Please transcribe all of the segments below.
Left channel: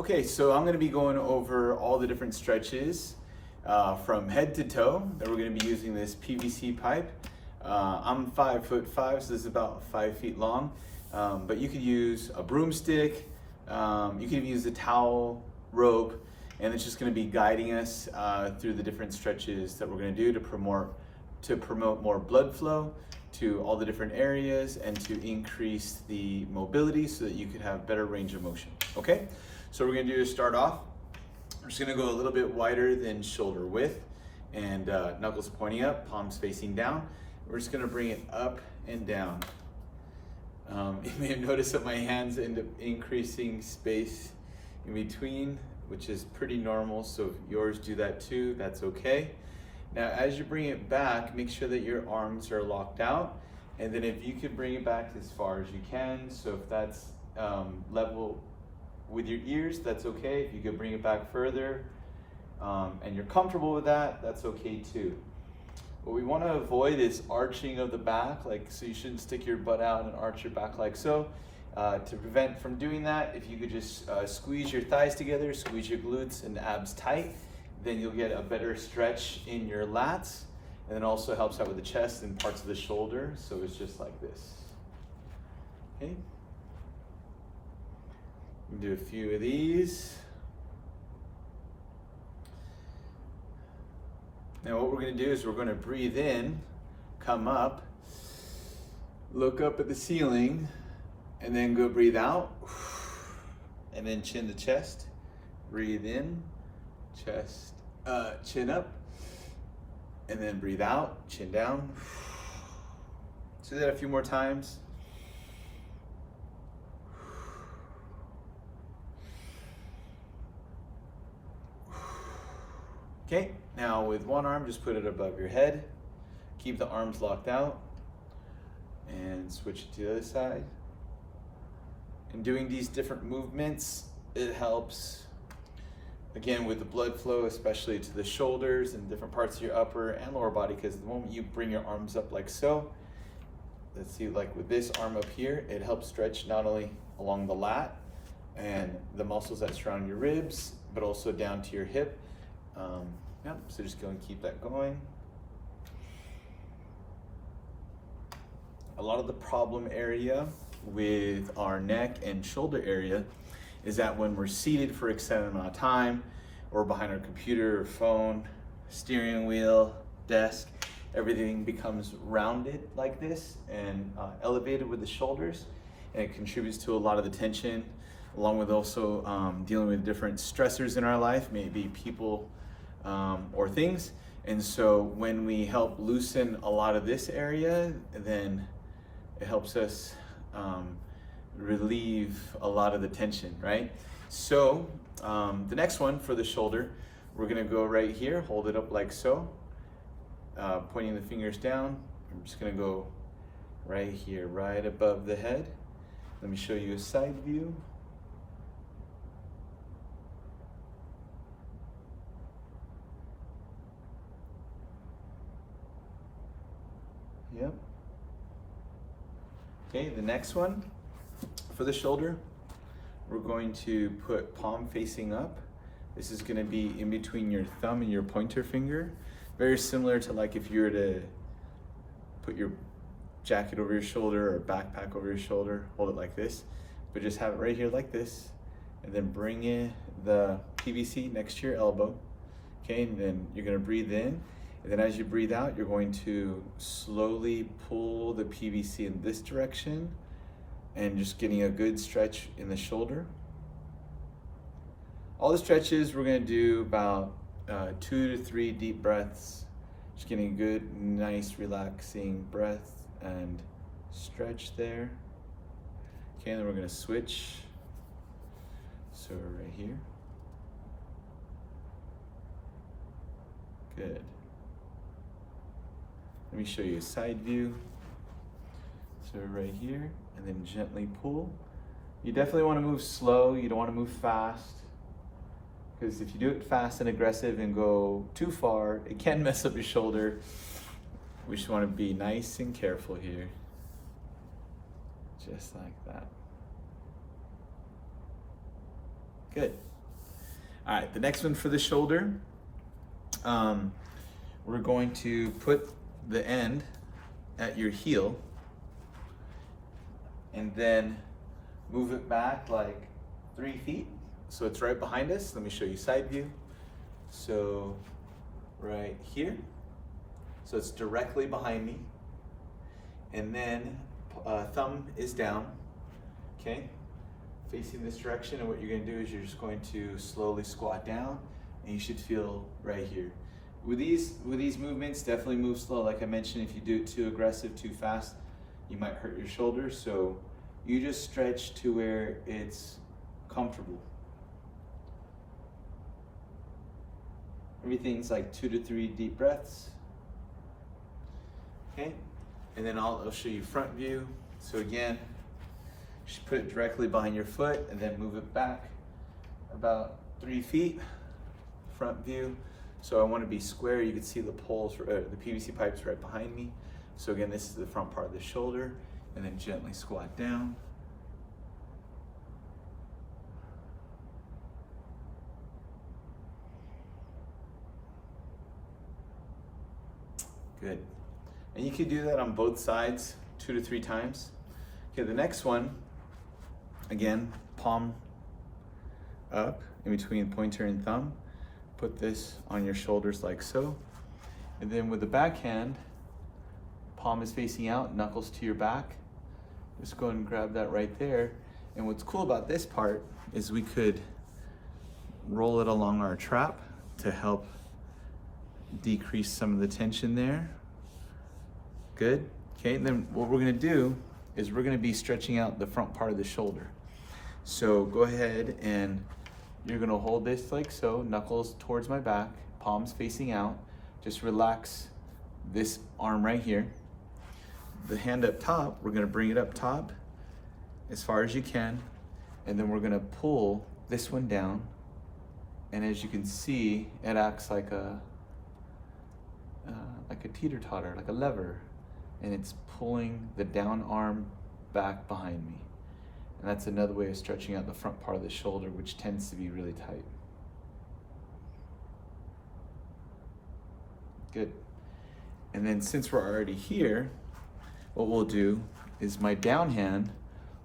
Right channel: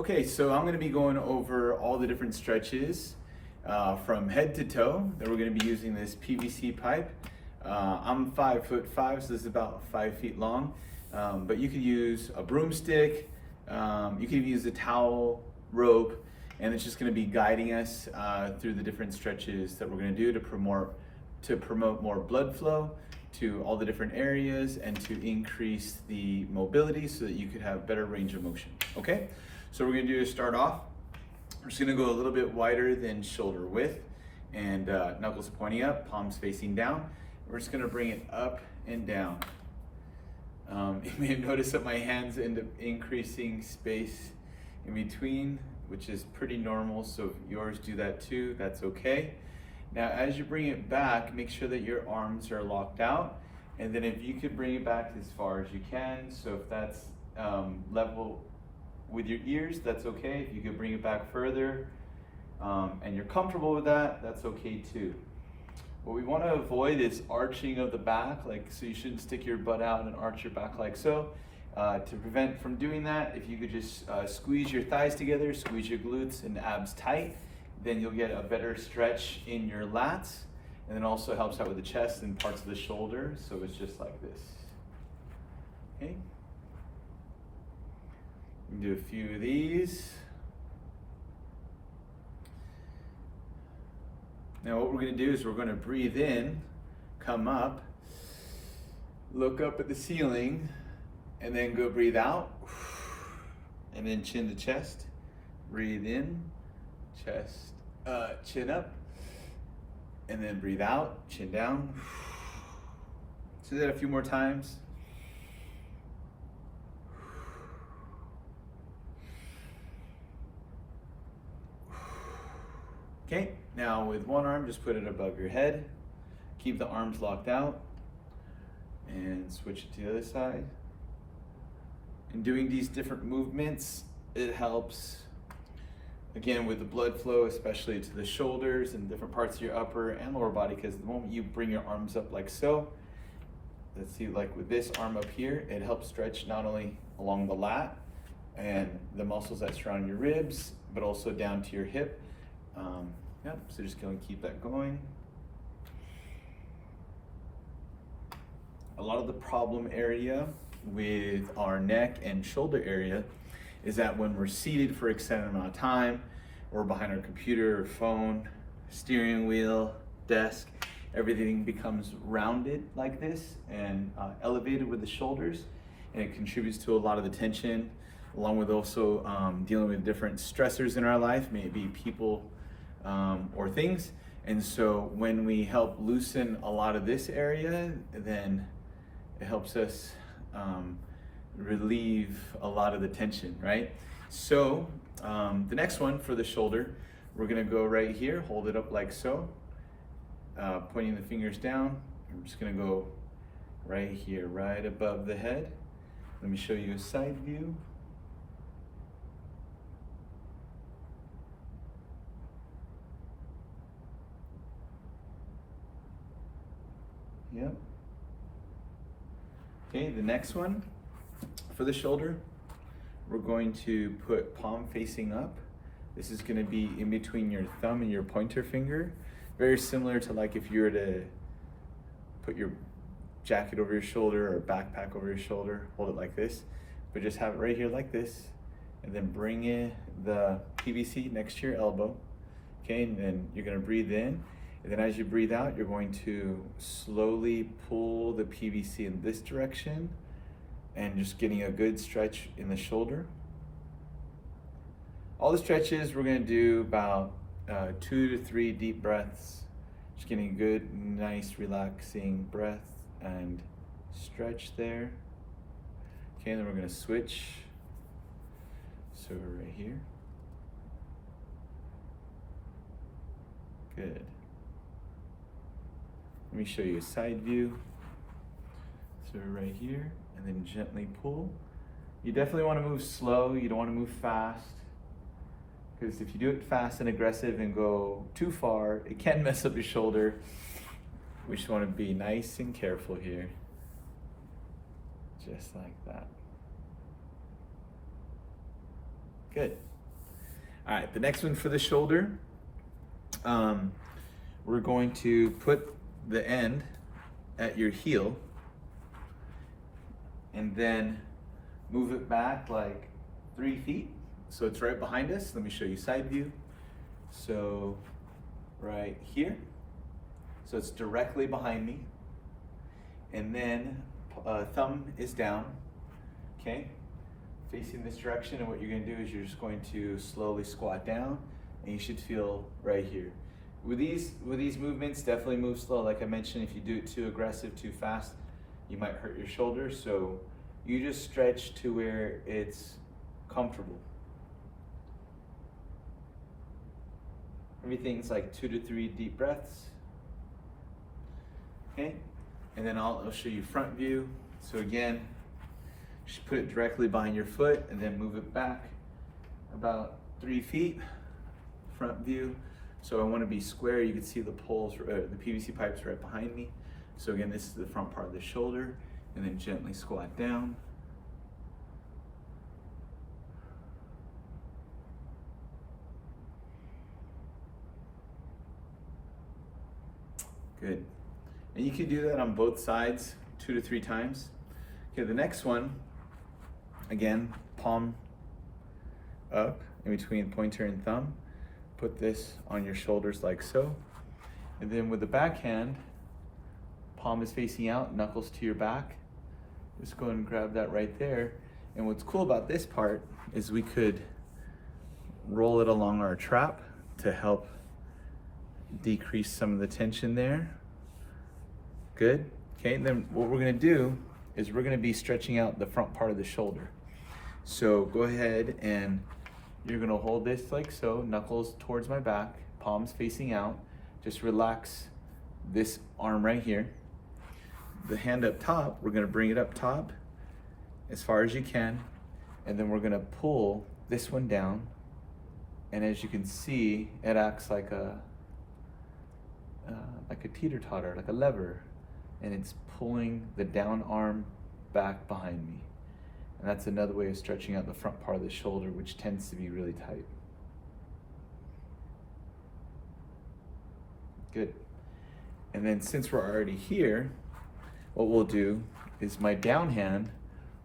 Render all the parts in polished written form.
Okay, so I'm going to be going over all the different stretches from head to toe that we're going to be using this PVC pipe. I'm 5'5", so this is about 5 feet long, but you could use a broomstick, you could use a towel, rope, and it's just going to be guiding us through the different stretches that we're going to do to promote more blood flow to all the different areas and to increase the mobility so that you could have better range of motion. Okay, so what we're going to do is start off. We're just going to go a little bit wider than shoulder width, and knuckles pointing up, palms facing down. We're just going to bring it up and down. You may have noticed that my hands end up increasing space in between, which is pretty normal, so if yours do that too, that's okay. Now as you bring it back, make sure that your arms are locked out, and then if you could bring it back as far as you can, so if that's level with your ears, that's okay. If you could bring it back further and you're comfortable with that, that's okay too. What we want to avoid is arching of the back, so you shouldn't stick your butt out and arch your back like so. To prevent from doing that, if you could just squeeze your thighs together, squeeze your glutes and abs tight, then you'll get a better stretch in your lats, and then also helps out with the chest and parts of the shoulder, so it's just like this. Okay? We can do a few of these. Now what we're going to do is we're going to breathe in, come up, look up at the ceiling, and then go breathe out, and then chin to chest, breathe in, chest, chin up, and then breathe out, chin down. So do that a few more times. Okay, now with one arm, just put it above your head. Keep the arms locked out and switch it to the other side. In doing these different movements, it helps, again, with the blood flow, especially to the shoulders and different parts of your upper and lower body, because the moment you bring your arms up like so, let's see, like with this arm up here, it helps stretch not only along the lat and the muscles that surround your ribs, but also down to your hip. Yep, so just go and keep that going. A lot of the problem area with our neck and shoulder area is that when we're seated for an extended amount of time, or behind our computer or phone, steering wheel, desk, everything becomes rounded like this and elevated with the shoulders, and it contributes to a lot of the tension, along with also dealing with different stressors in our life, maybe people or things. And so when we help loosen a lot of this area, then it helps us relieve a lot of the tension, right? So the next one for the shoulder, we're gonna go right here, hold it up like so, pointing the fingers down. I'm just gonna go right here, right above the head. Let me show you a side view. Yep. Okay, the next one for the shoulder, we're going to put palm facing up. This is going to be in between your thumb and your pointer finger. Very similar to like if you were to put your jacket over your shoulder or backpack over your shoulder, hold it like this, but just have it right here like this, and then bring in the PVC next to your elbow. Okay, and then you're going to breathe in. And then as you breathe out, you're going to slowly pull the PVC in this direction and just getting a good stretch in the shoulder. All the stretches, we're going to do about 2 to 3 deep breaths. Just getting a good, nice, relaxing breath and stretch there. Okay, and then we're going to switch. So right here. Good. Let me show you a side view. So right here, and then gently pull. You definitely want to move slow, you don't want to move fast, because if you do it fast and aggressive and go too far, it can mess up your shoulder. We just want to be nice and careful here. Just like that. Good. All right, the next one for the shoulder, we're going to put the end at your heel and then move it back like 3 feet. So it's right behind us. Let me show you side view. So right here. So it's directly behind me. And then thumb is down, okay? Facing this direction, and what you're gonna do is you're just going to slowly squat down, and you should feel right here. With these movements, definitely move slow. Like I mentioned, if you do it too aggressive, too fast, you might hurt your shoulders. So you just stretch to where it's comfortable. Everything's like 2 to 3 deep breaths. Okay, and then I'll show you front view. So again, just put it directly behind your foot and then move it back about 3 feet, front view. So I want to be square. You can see the poles, the PVC pipes right behind me. So again, this is the front part of the shoulder, and then gently squat down. Good. And you can do that on both sides 2 to 3 times. Okay, the next one, again, palm up in between pointer and thumb. Put this on your shoulders like so. And then with the backhand, palm is facing out, knuckles to your back. Just go and grab that right there. And what's cool about this part is we could roll it along our trap to help decrease some of the tension there. Good. Okay, and then what we're gonna do is we're gonna be stretching out the front part of the shoulder. So go ahead and you're gonna hold this like so, knuckles towards my back, palms facing out. Just relax this arm right here. The hand up top, we're gonna bring it up top as far as you can, and then we're gonna pull this one down. And as you can see, it acts like a teeter-totter, like a lever, and it's pulling the down arm back behind me. And that's another way of stretching out the front part of the shoulder, which tends to be really tight. Good. And then since we're already here, what we'll do is my down hand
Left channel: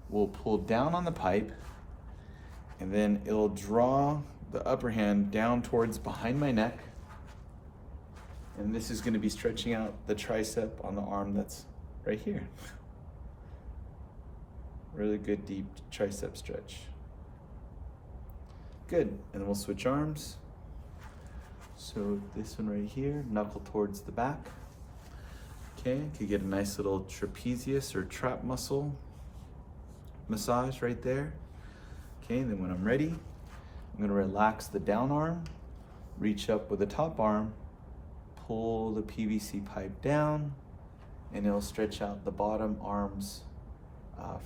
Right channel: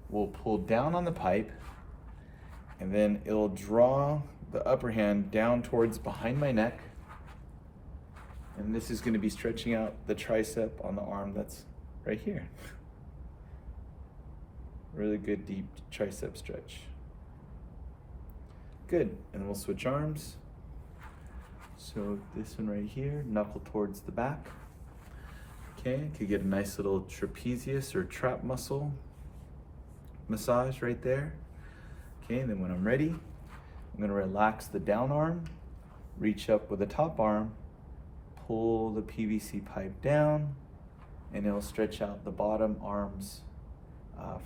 will pull down on the pipe, and then it'll draw the upper hand down towards behind my neck. And this is gonna be stretching out the tricep on the arm that's right here. Really good deep tricep stretch. Good, and then we'll switch arms. So this one right here, knuckle towards the back. Okay, could get a nice little trapezius or trap muscle massage right there. Okay, and then when I'm ready, I'm gonna relax the down arm, reach up with the top arm, pull the PVC pipe down, and it'll stretch out the bottom arm's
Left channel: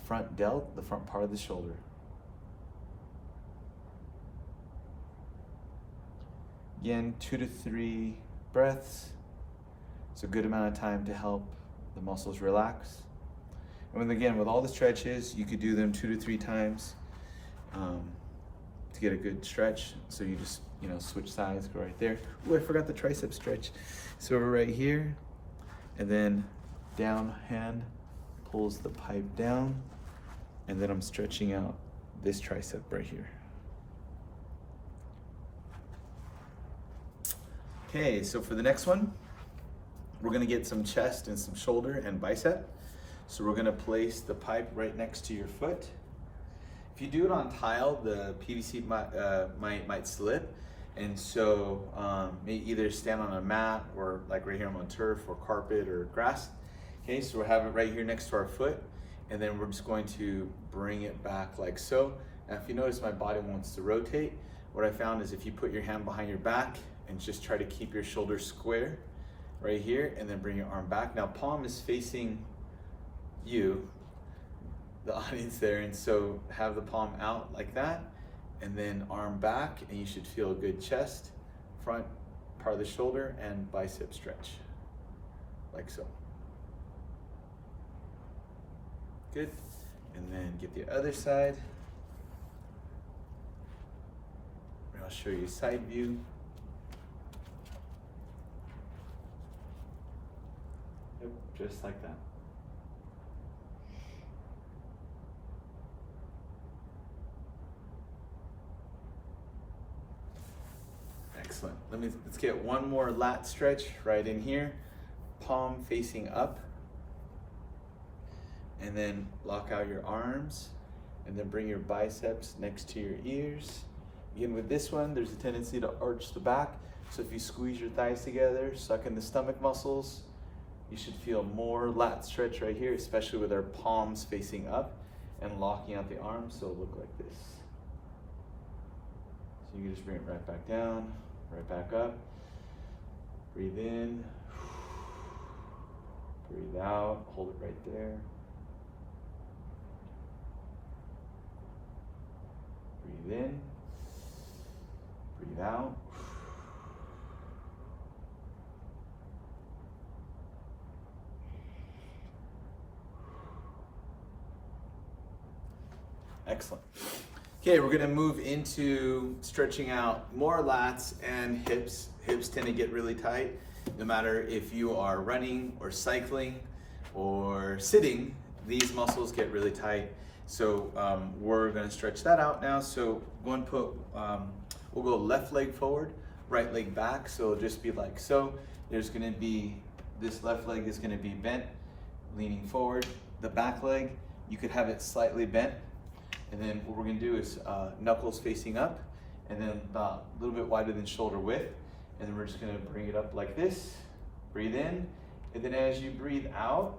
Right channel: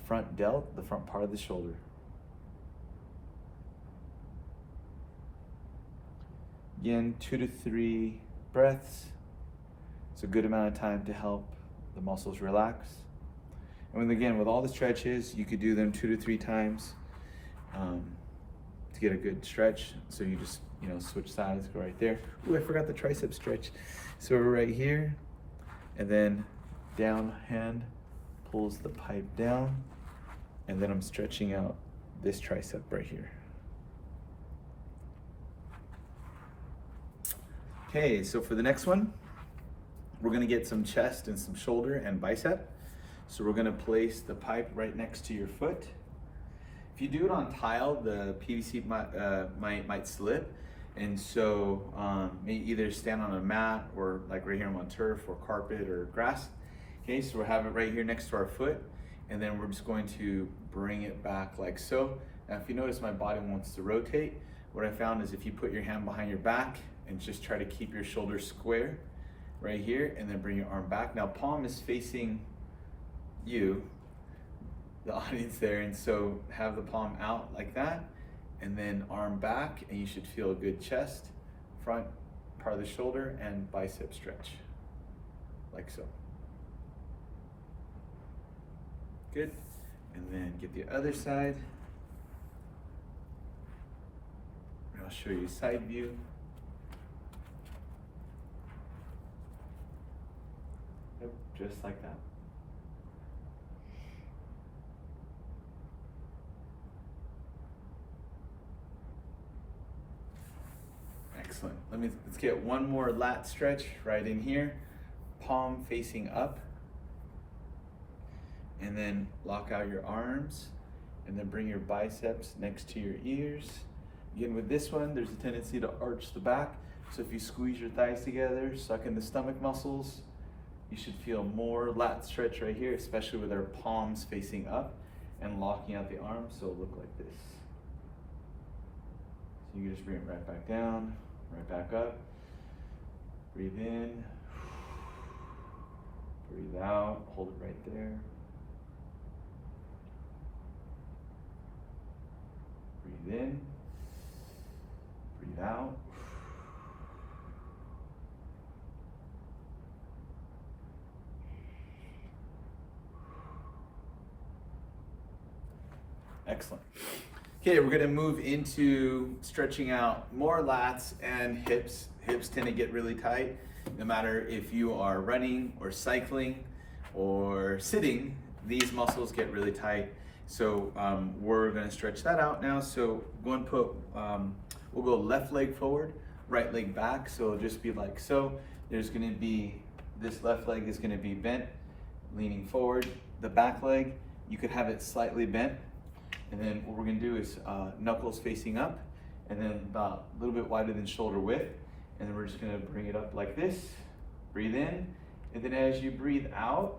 front delt, the front part of the shoulder. Again, 2 to 3 breaths. It's a good amount of time to help the muscles relax. And again, with all the stretches, you could do them 2 to 3 times to get a good stretch. So you just, switch sides, go right there. Ooh, I forgot the tricep stretch. So we're right here, and then down hand pulls the pipe down, and then I'm stretching out this tricep right here. Okay, so for the next one, we're gonna get some chest and some shoulder and bicep. So we're gonna place the pipe right next to your foot. If you do it on tile, the PVC might slip. And so either stand on a mat, or like right here I'm on turf or carpet or grass. Okay, so we'll have it right here next to our foot, and then we're just going to bring it back like so. Now if you notice, my body wants to rotate. What I found is if you put your hand behind your back and just try to keep your shoulders square right here, and then bring your arm back. Now palm is facing you, the audience there, and so have the palm out like that, and then arm back, and you should feel a good chest, front part of the shoulder, and bicep stretch, like so. Good, and then get the other side. I'll show you side view. Yep, just like that. Excellent. Let's get one more lat stretch right in here. Palm facing up. And then lock out your arms. And then bring your biceps next to your ears. Again, with this one, there's a tendency to arch the back. So if you squeeze your thighs together, suck in the stomach muscles, you should feel more lat stretch right here, especially with our palms facing up and locking out the arms, so it'll look like this. So you can just bring it right back down, right back up. Breathe in, breathe out, hold it right there. Breathe in, breathe out. Excellent. Okay, we're gonna move into stretching out more lats and hips. Hips tend to get really tight, no matter if you are running or cycling or sitting, these muscles get really tight. So we're gonna stretch that out now. So go and we'll go left leg forward, right leg back. So it'll just be like so. There's gonna be, this left leg is gonna be bent, leaning forward. The back leg, you could have it slightly bent. And then what we're gonna do is knuckles facing up, and then about a little bit wider than shoulder width. And then we're just gonna bring it up like this. Breathe in, and then as you breathe out,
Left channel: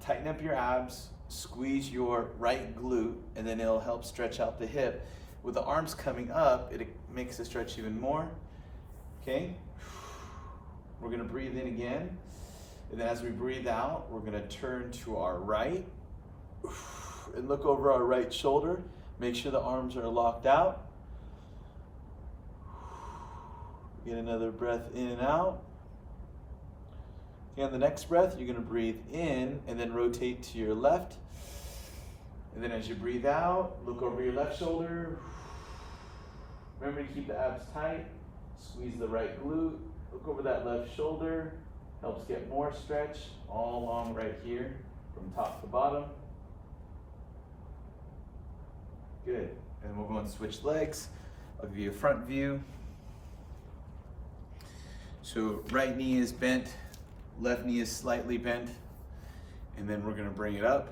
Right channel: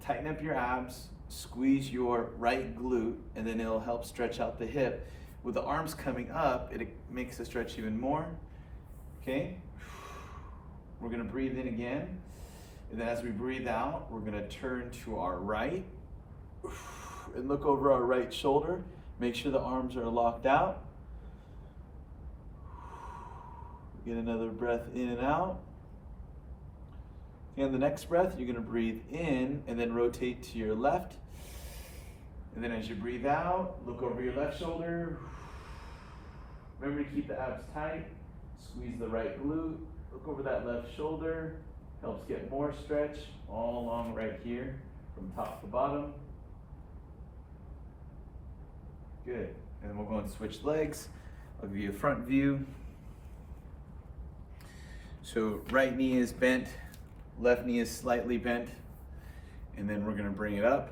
tighten up your abs, squeeze your right glute, and then it'll help stretch out the hip. With the arms coming up, it makes the stretch even more. Okay? We're gonna breathe in again. And then as we breathe out, we're gonna turn to our right and look over our right shoulder. Make sure the arms are locked out. Get another breath in and out. And the next breath, you're gonna breathe in and then rotate to your left. And then as you breathe out, look over your left shoulder. Remember to keep the abs tight. Squeeze the right glute. Look over that left shoulder. Helps get more stretch all along right here from top to bottom. Good. And then we'll go and switch legs. I'll give you a front view. So right knee is bent, left knee is slightly bent, and then we're gonna bring it up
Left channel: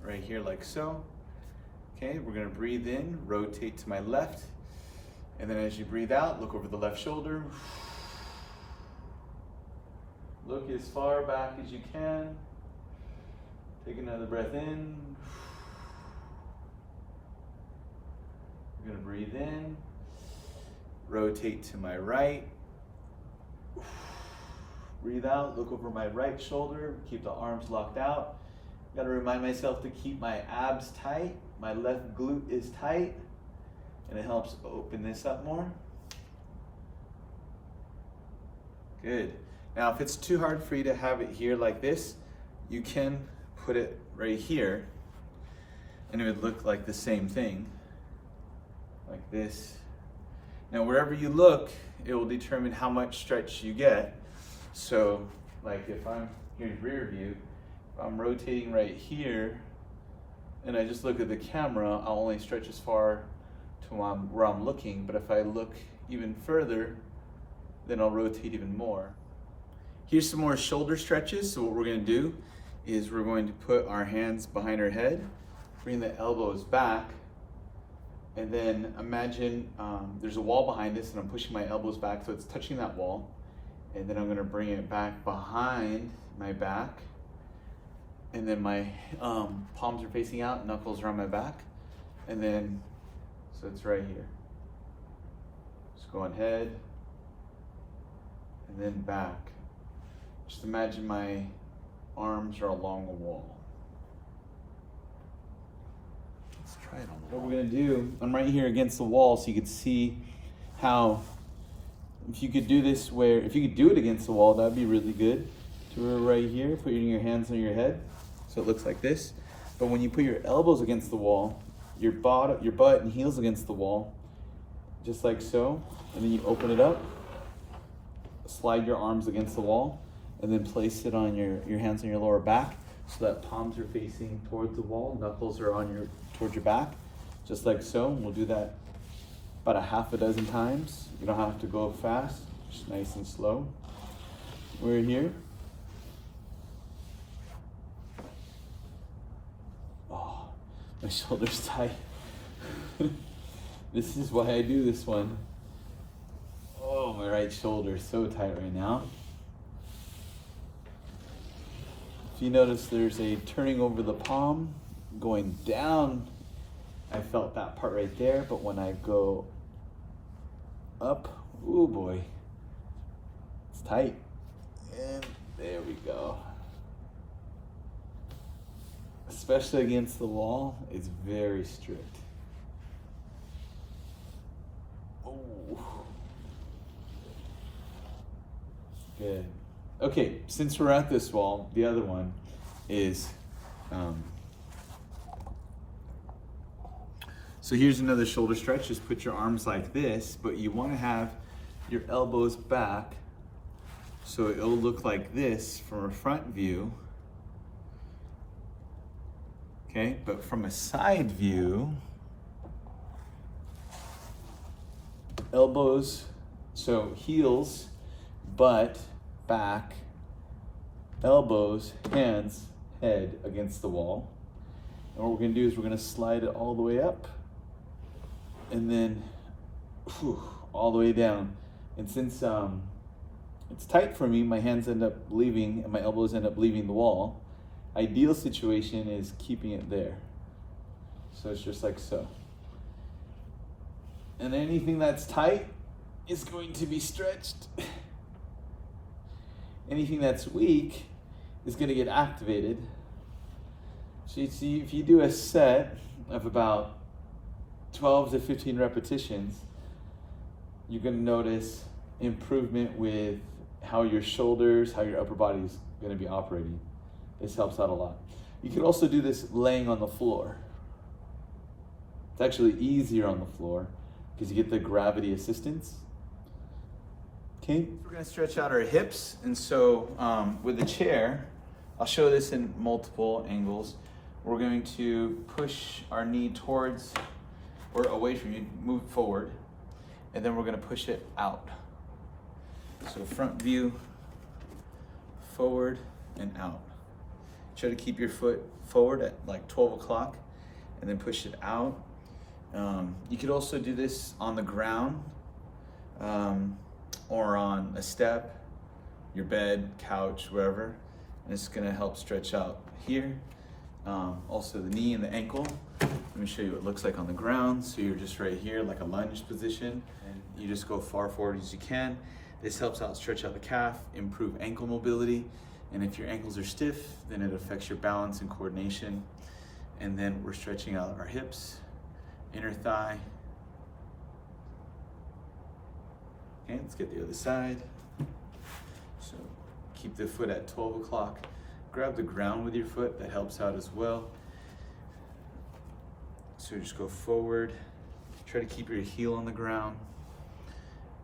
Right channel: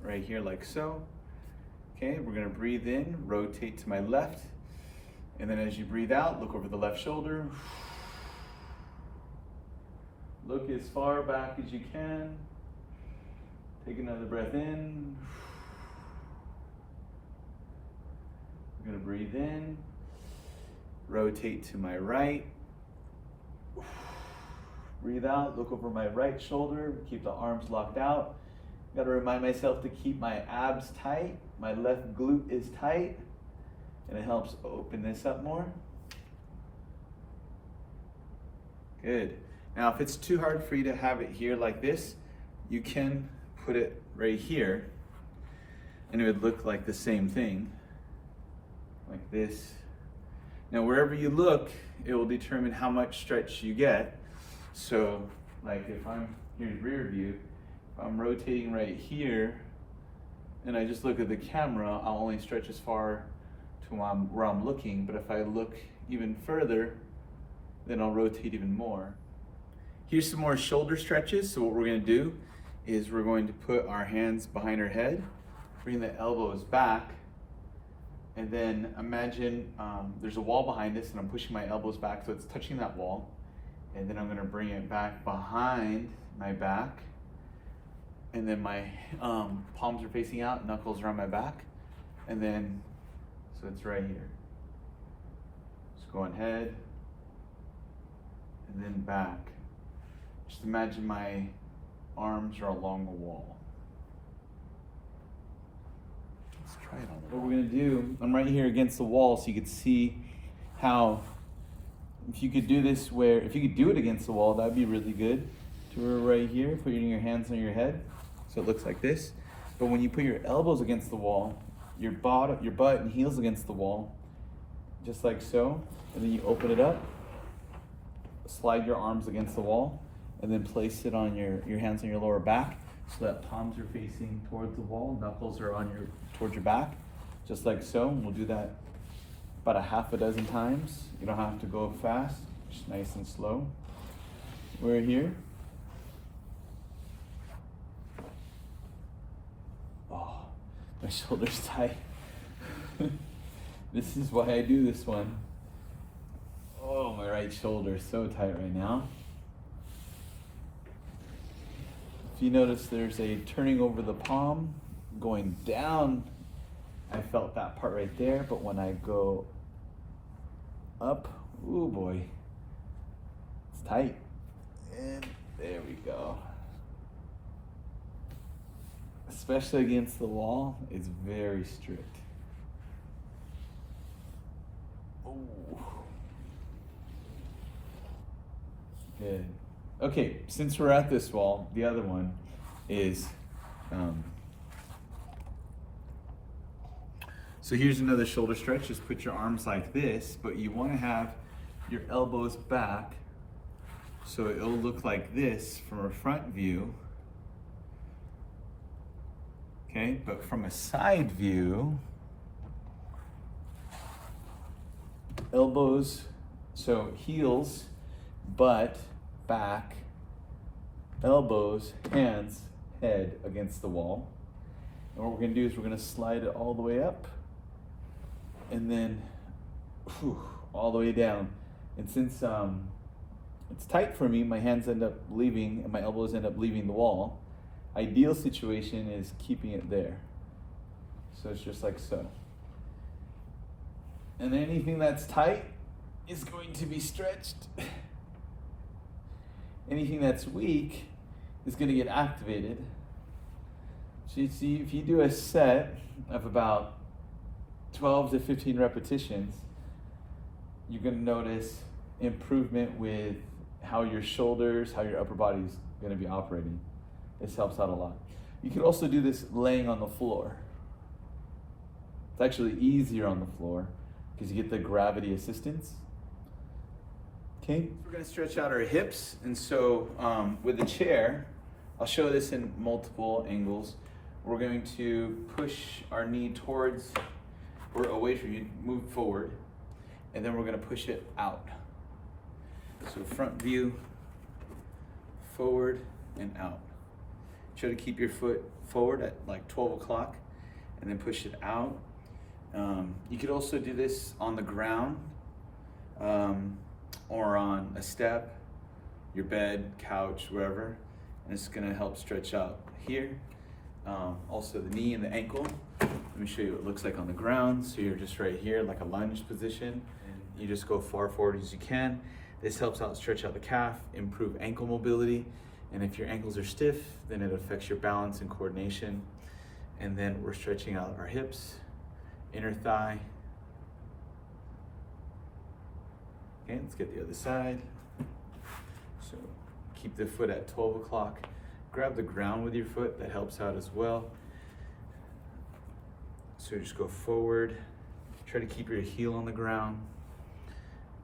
right here like so. Okay, we're gonna breathe in, rotate to my left, and then as you breathe out, look over the left shoulder. Look as far back as you can. Take another breath in. I'm gonna breathe in, rotate to my right. Breathe out, look over my right shoulder, keep the arms locked out. Gotta remind myself to keep my abs tight. My left glute is tight, and it helps open this up more. Good. Now, if it's too hard for you to have it here like this, you can put it right here, and it would look like the same thing, like this. Now, wherever you look, it will determine how much stretch you get. So, like if I'm here in rear view, if I'm rotating right here, and I just look at the camera, I'll only stretch as far to where I'm looking, but if I look even further, then I'll rotate even more. Here's some more shoulder stretches. So what we're gonna do is we're going to put our hands behind our head, bring the elbows back, and then imagine there's a wall behind us and I'm pushing my elbows back so it's touching that wall. And then I'm gonna bring it back behind my back. And then my palms are facing out, knuckles are on my back. And then, so it's right here. Just go ahead and then back. Just imagine my arms are along the wall. Let's try it on the wall. What we're gonna do, I'm right here against the wall so you could see how, if you could do this where, if you could do it against the wall, that'd be really good. So we're right here, putting your hands on your head, so it looks like this. But when you put your elbows against the wall, your butt and heels against the wall, just like so, and then you open it up, slide your arms against the wall, and then place it on your hands on your lower back so that palms are facing towards the wall, knuckles are on towards your back, just like so. And we'll do that about a half a dozen times. You don't have to go fast, just nice and slow. We're here. Oh, my shoulder's tight. This is why I do this one. Oh, my right shoulder is so tight right now. If you notice, there's a turning over the palm, going down. I felt that part right there, but when I go up, ooh boy, it's tight. And there we go. Especially against the wall, it's very strict. Oh. Good. Okay, since we're at this wall, the other one is, so here's another shoulder stretch. Just put your arms like this, but you want to have your elbows back so it'll look like this from a front view. Okay, but from a side view, elbows, so heels, butt, back, elbows, hands, head against the wall. And what we're gonna do is we're gonna slide it all the way up and then all the way down. And since it's tight for me, my hands end up leaving and my elbows end up leaving the wall. Ideal situation is keeping it there. So it's just like so. And anything that's tight is going to be stretched. Anything that's weak is going to get activated. So you see, if you do a set of about 12 to 15 repetitions, you're going to notice improvement with how your shoulders, how your upper body is going to be operating. This helps out a lot. You could also do this laying on the floor. It's actually easier on the floor because you get the gravity assistance. Okay, we're going to stretch out our hips, and so with the chair, I'll show this in multiple angles. We're going to push our knee towards or away from you, move forward, and then we're going to push it out. So front view, forward and out. Try to keep your foot forward at like 12 o'clock and then push it out. You could also do this on the ground or on a step, your bed, couch, wherever. And it's gonna help stretch out here. Also the knee and the ankle. Let me show you what it looks like on the ground. So you're just right here, like a lunge position, and you just go far forward as you can. This helps out stretch out the calf, improve ankle mobility. And if your ankles are stiff, then it affects your balance and coordination. And then we're stretching out our hips, inner thigh. Okay, let's get the other side. So keep the foot at 12 o'clock. Grab the ground with your foot, that helps out as well. So just go forward, try to keep your heel on the ground.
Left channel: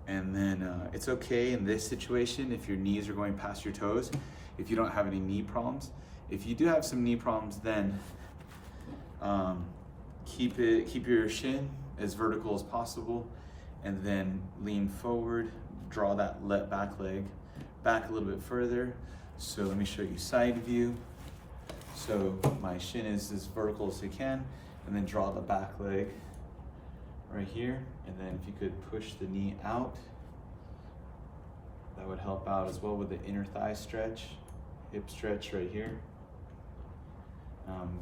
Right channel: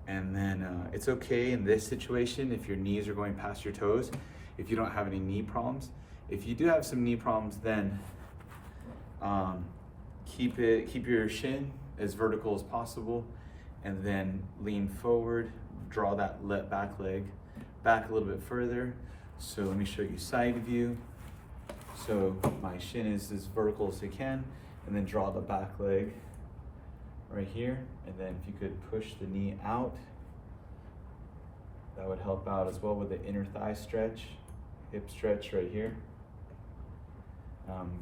And then it's okay in this situation if your knees are going past your toes, if you don't have any knee problems. If you do have some knee problems, then keep your shin as vertical as possible, and then lean forward, draw that back leg back a little bit further. So let me show you side view. So my shin is as vertical as you can, and then draw the back leg right here. And then if you could push the knee out, that would help out as well with the inner thigh stretch, hip stretch right here.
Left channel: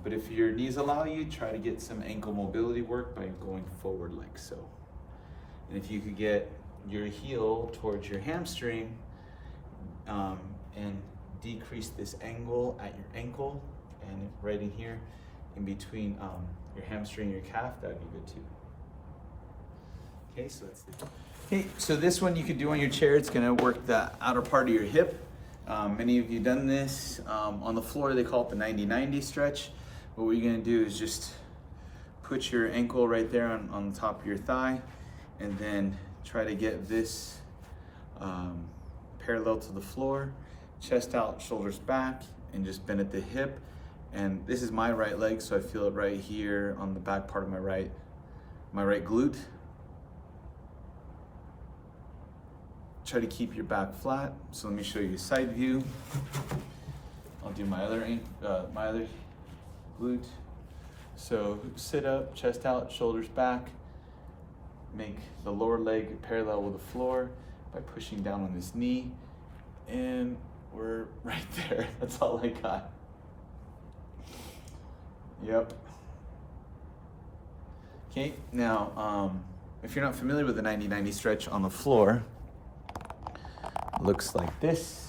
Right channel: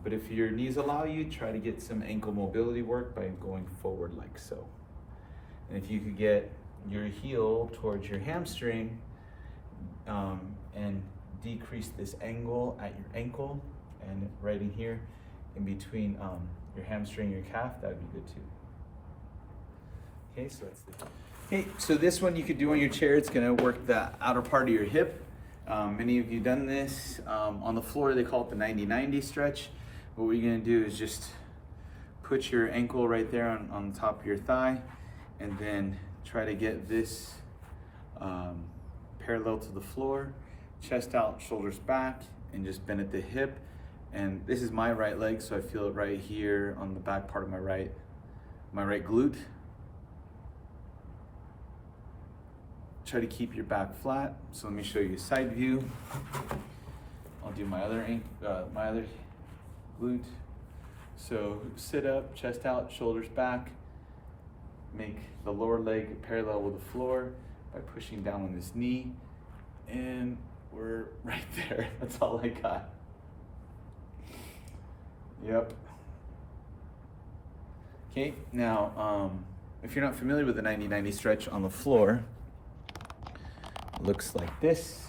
But if your knees allow you, try to get some ankle mobility work by going forward like so. And if you could get your heel towards your hamstring and decrease this angle at your ankle and right in here in between your hamstring and your calf, that would be good too. Okay, so that's the... Okay, so this one you could do on your chair. It's gonna work the outer part of your hip. Many of you done this. On the floor, they call it the 90-90 stretch. What you're gonna do is just put your ankle right there on the top of your thigh, and then try to get this parallel to the floor, chest out, shoulders back, and just bend at the hip. And this is my right leg, so I feel it right here on the back part of my right glute. Try to keep your back flat. So let me show you a side view. I'll do my other glute. So sit up, chest out, shoulders back. Make the lower leg parallel with the floor by pushing down on this knee. And we're right there. That's all I got. Yep. Okay, now if you're not familiar with the 90-90 stretch on the floor, it looks like this.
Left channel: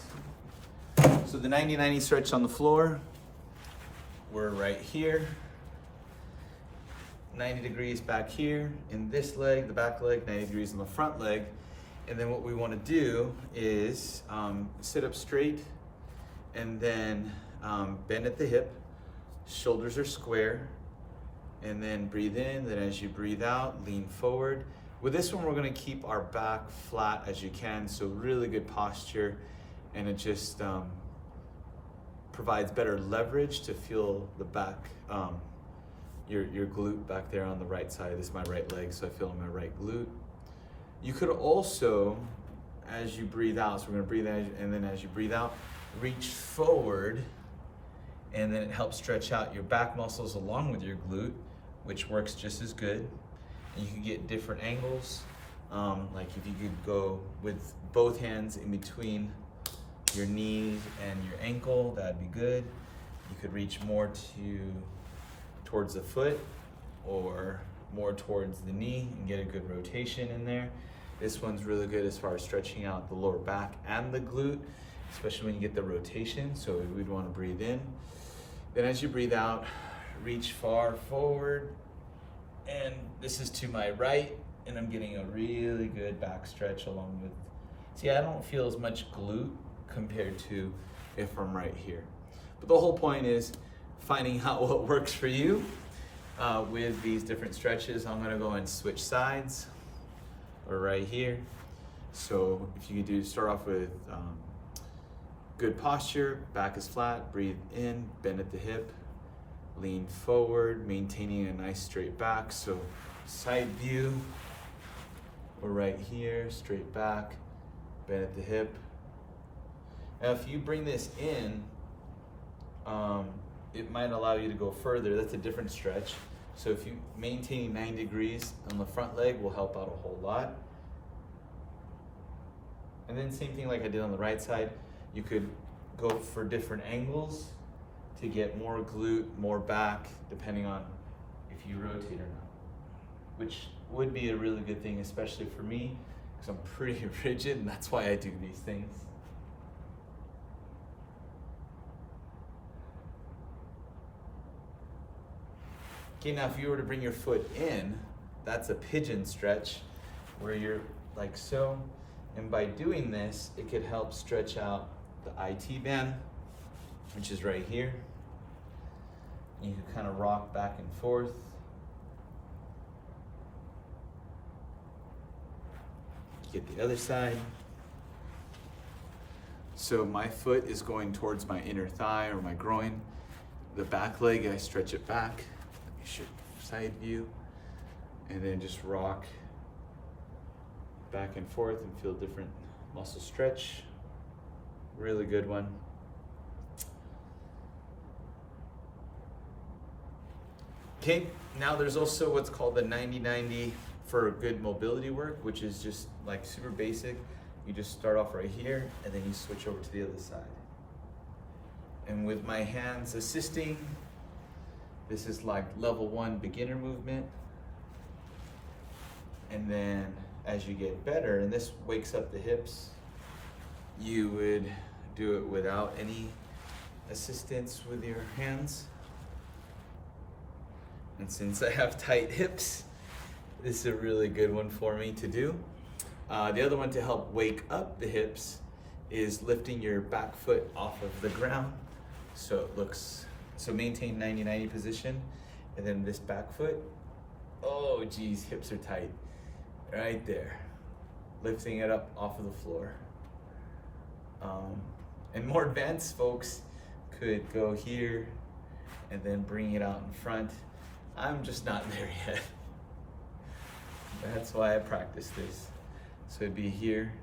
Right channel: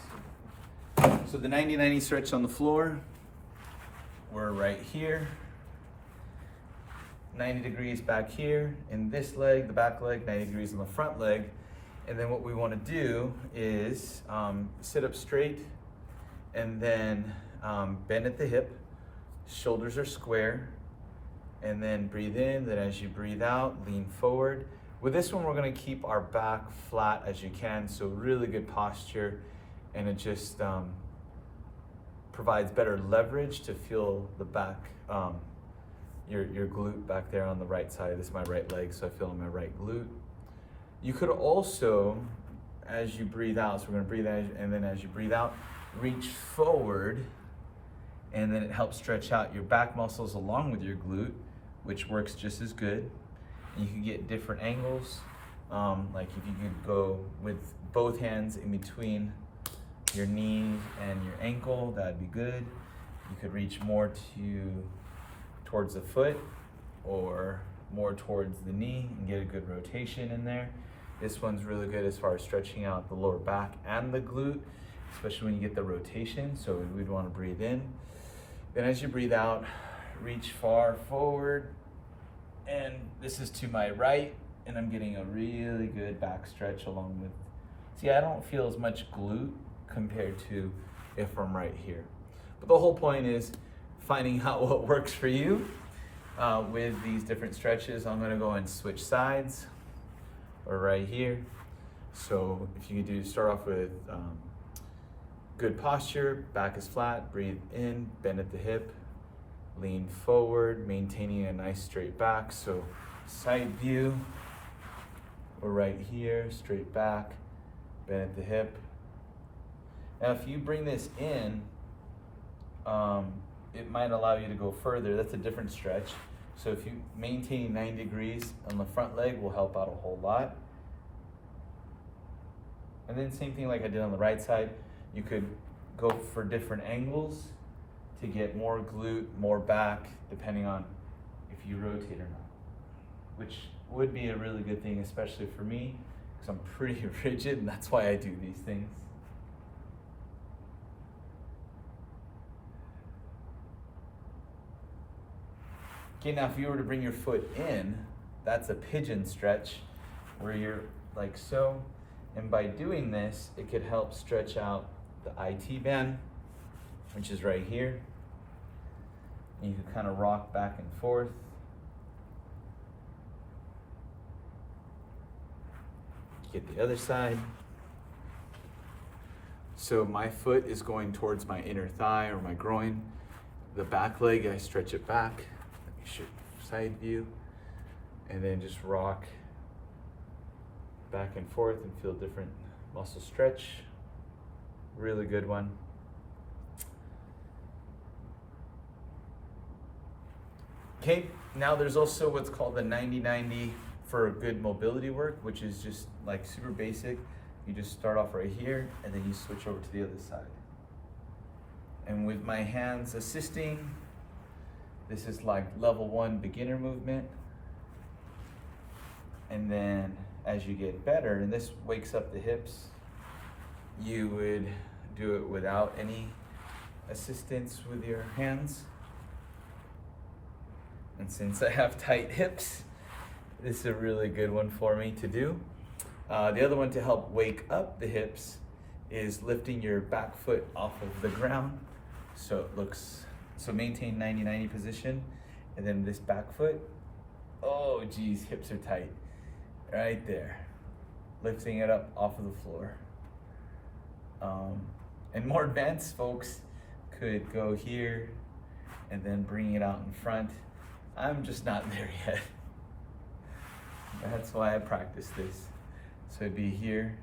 So the 90-90 stretch on the floor, we're right here. 90 degrees back here in this leg, the back leg, 90 degrees on the front leg. And then what we want to do is sit up straight and then bend at the hip. Shoulders are square, and then breathe in. Then as you breathe out, lean forward. With this one, we're gonna keep our back flat as you can, so really good posture, and it just provides better leverage to feel the back, your glute back there on the right side. This is my right leg, so I feel my right glute. You could also, as you breathe out, so we're gonna breathe in, and then as you breathe out, reach forward, and then it helps stretch out your back muscles along with your glute, which works just as good. And you can get different angles, like if you could go with both hands in between your knees and your ankle, that'd be good. You could reach more towards the foot or more towards the knee and get a good rotation in there. This one's really good as far as stretching out the lower back and the glute, especially when you get the rotation, so we'd want to breathe in. Then as you breathe out, reach far forward, and this is to my right, and I'm getting a really good back stretch along with, see, I don't feel as much glute compared to if I'm right here. But the whole point is finding out what works for you with these different stretches. I'm gonna go and switch sides, or right here. So if you could start off with good posture, back is flat, breathe in, bend at the hip, lean forward, maintaining a nice straight back. So side view, we're right here, straight back, bend at the hip. Now if you bring this in, it might allow you to go further. That's a different stretch. So if you maintain 90 degrees on the front leg will help out a whole lot. And then same thing like I did on the right side. You could go for different angles to get more glute, more back, depending on if you rotate or not, which would be a really good thing, especially for me, because I'm pretty rigid, and that's why I do these things. Okay, now if you were to bring your foot in, that's a pigeon stretch, where you're like so, and by doing this, it could help stretch out the IT band, which is right here. And you can kind of rock back and forth. Get the other side. So my foot is going towards my inner thigh or my groin. The back leg, I stretch it back. Let me show side view. And then just rock back and forth and feel different muscle stretch. Really good one. Okay, now there's also what's called the 90-90 for good mobility work, which is just like super basic. You just start off right here and then you switch over to the other side. And with my hands assisting, this is like level 1 beginner movement. And then as you get better, and this wakes up the hips, you would do it without any assistance with your hands. And since I have tight hips, this is a really good one for me to do. The other one to help wake up the hips is lifting your back foot off of the ground. So it looks, so maintain 90-90 position. And then this back foot, oh geez, hips are tight. right there, lifting it up off of the floor. And more advanced folks could go here and then bring it out in front. I'm just not there yet. That's why I practice this. So it'd be here.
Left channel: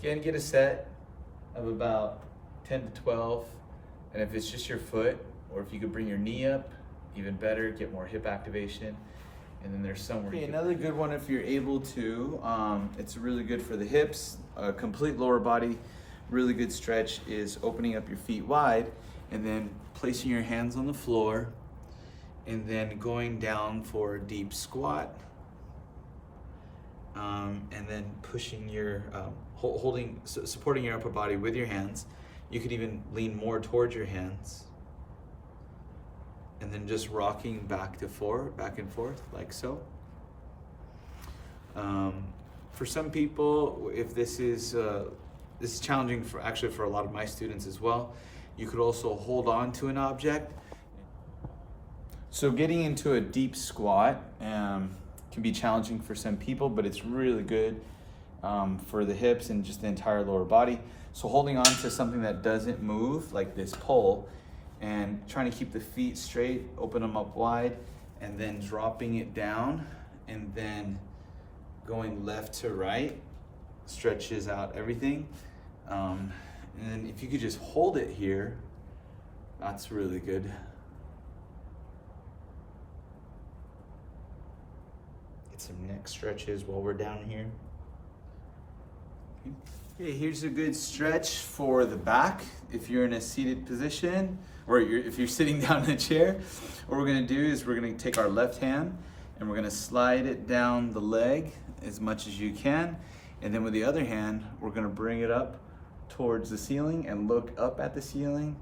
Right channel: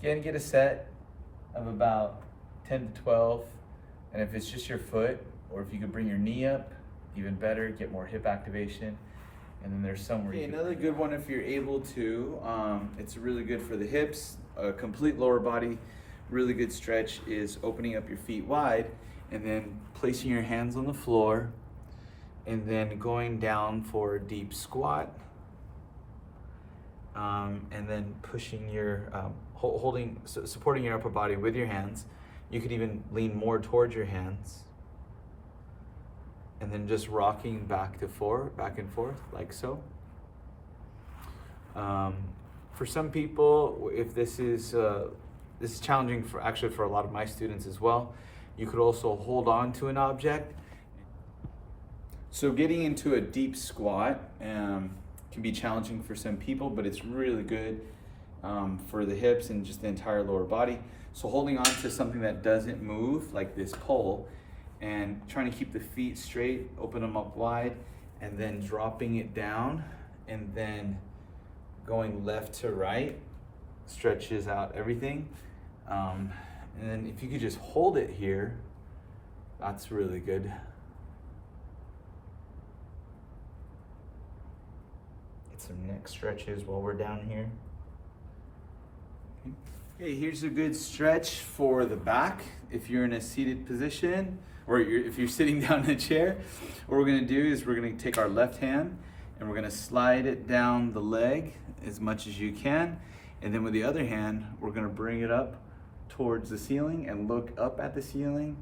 Again, get a set of about 10 to 12. And if it's just your foot, or if you could bring your knee up, even better, get more hip activation. And then there's somewhere you can. Another good one if you're able to, it's really good for the hips, complete lower body. Really good stretch is opening up your feet wide and then placing your hands on the floor and then going down for a deep squat. And then pushing your, supporting your upper body with your hands. You could even lean more towards your hands. And then just rocking back and forth, like so. For some people, if this is challenging for a lot of my students as well, you could also hold on to an object. So getting into a deep squat can be challenging for some people, but it's really good for the hips and just the entire lower body. So holding on to something that doesn't move, like this pole, and trying to keep the feet straight, open them up wide, and then dropping it down, and then going left to right, stretches out everything. And then if you could just hold it here, that's really good. Get some neck stretches while we're down here. Okay, here's a good stretch for the back. If you're in a seated position, or if you're sitting down in a chair, what we're gonna do is we're gonna take our left hand and we're gonna slide it down the leg as much as you can. And then with the other hand, we're gonna bring it up towards the ceiling and look up at the ceiling.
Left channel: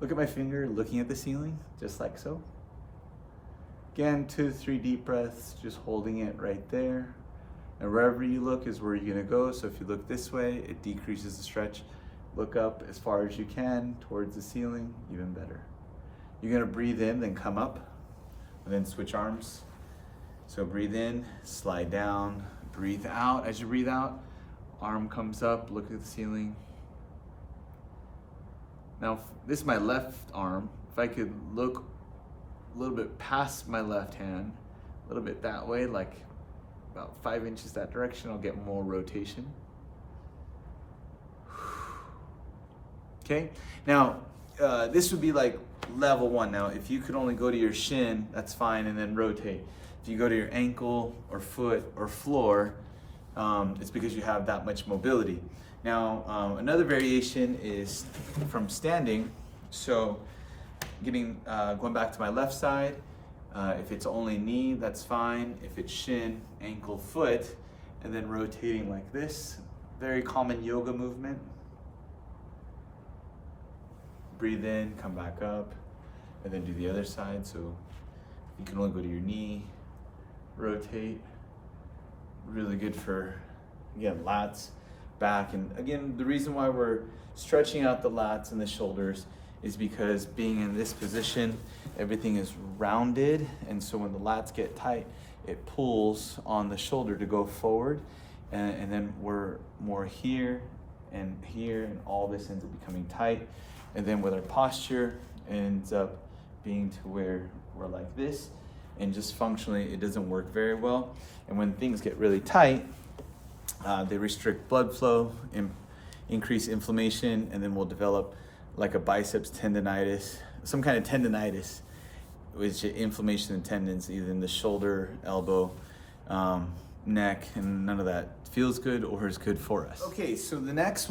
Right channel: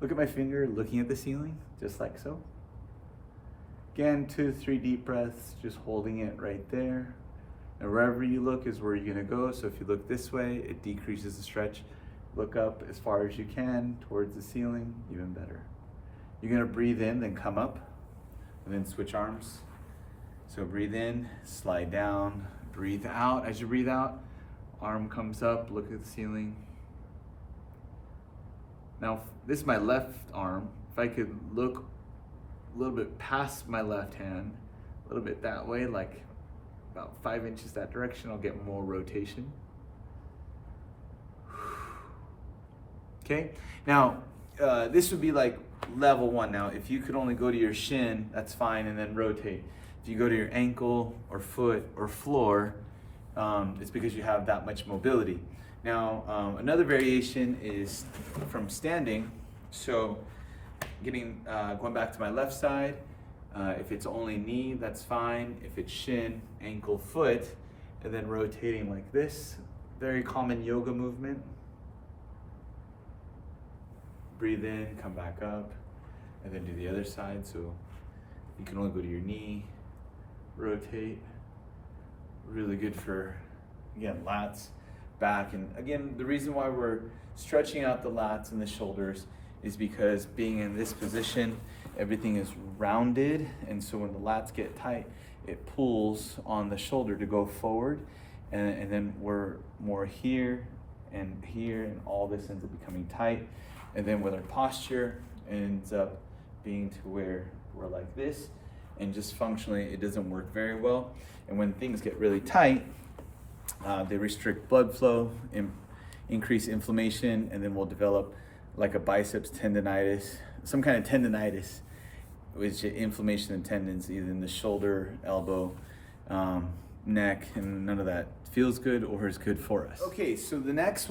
Look at my finger looking at the ceiling, just like so. Again, 2 to 3 deep breaths, just holding it right there. And wherever you look is where you're gonna go. So if you look this way, it decreases the stretch. Look up as far as you can towards the ceiling, even better. You're gonna breathe in, then come up, and then switch arms. So breathe in, slide down, breathe out. As you breathe out, arm comes up, look at the ceiling. Now, this is my left arm. If I could look a little bit past my left hand, a little bit that way, like about 5 inches that direction, I'll get more rotation. Okay, now this would be like level 1. Now, if you could only go to your shin, that's fine, and then rotate. If you go to your ankle or foot or floor, it's because you have that much mobility. Now, another variation is from standing. So going back to my left side, if it's only knee, that's fine. If it's shin, ankle, foot, and then rotating like this, very common yoga movement. Breathe in, come back up, and then do the other side. So you can only go to your knee, rotate. Really good for, again, lats, back. And again, the reason why we're stretching out the lats and the shoulders is because being in this position, everything is rounded. And so when the lats get tight, it pulls on the shoulder to go forward. And then we're more here, and all this ends up becoming tight. And then with our posture, it ends up being to where we're like this. And just functionally, it doesn't work very well. And when things get really tight, they restrict blood flow, increase inflammation, and then we'll develop like a biceps tendonitis, some kind of tendonitis, which is inflammation of tendons, either in the shoulder, elbow, neck, and none of that feels good or is good for us. Okay, so the next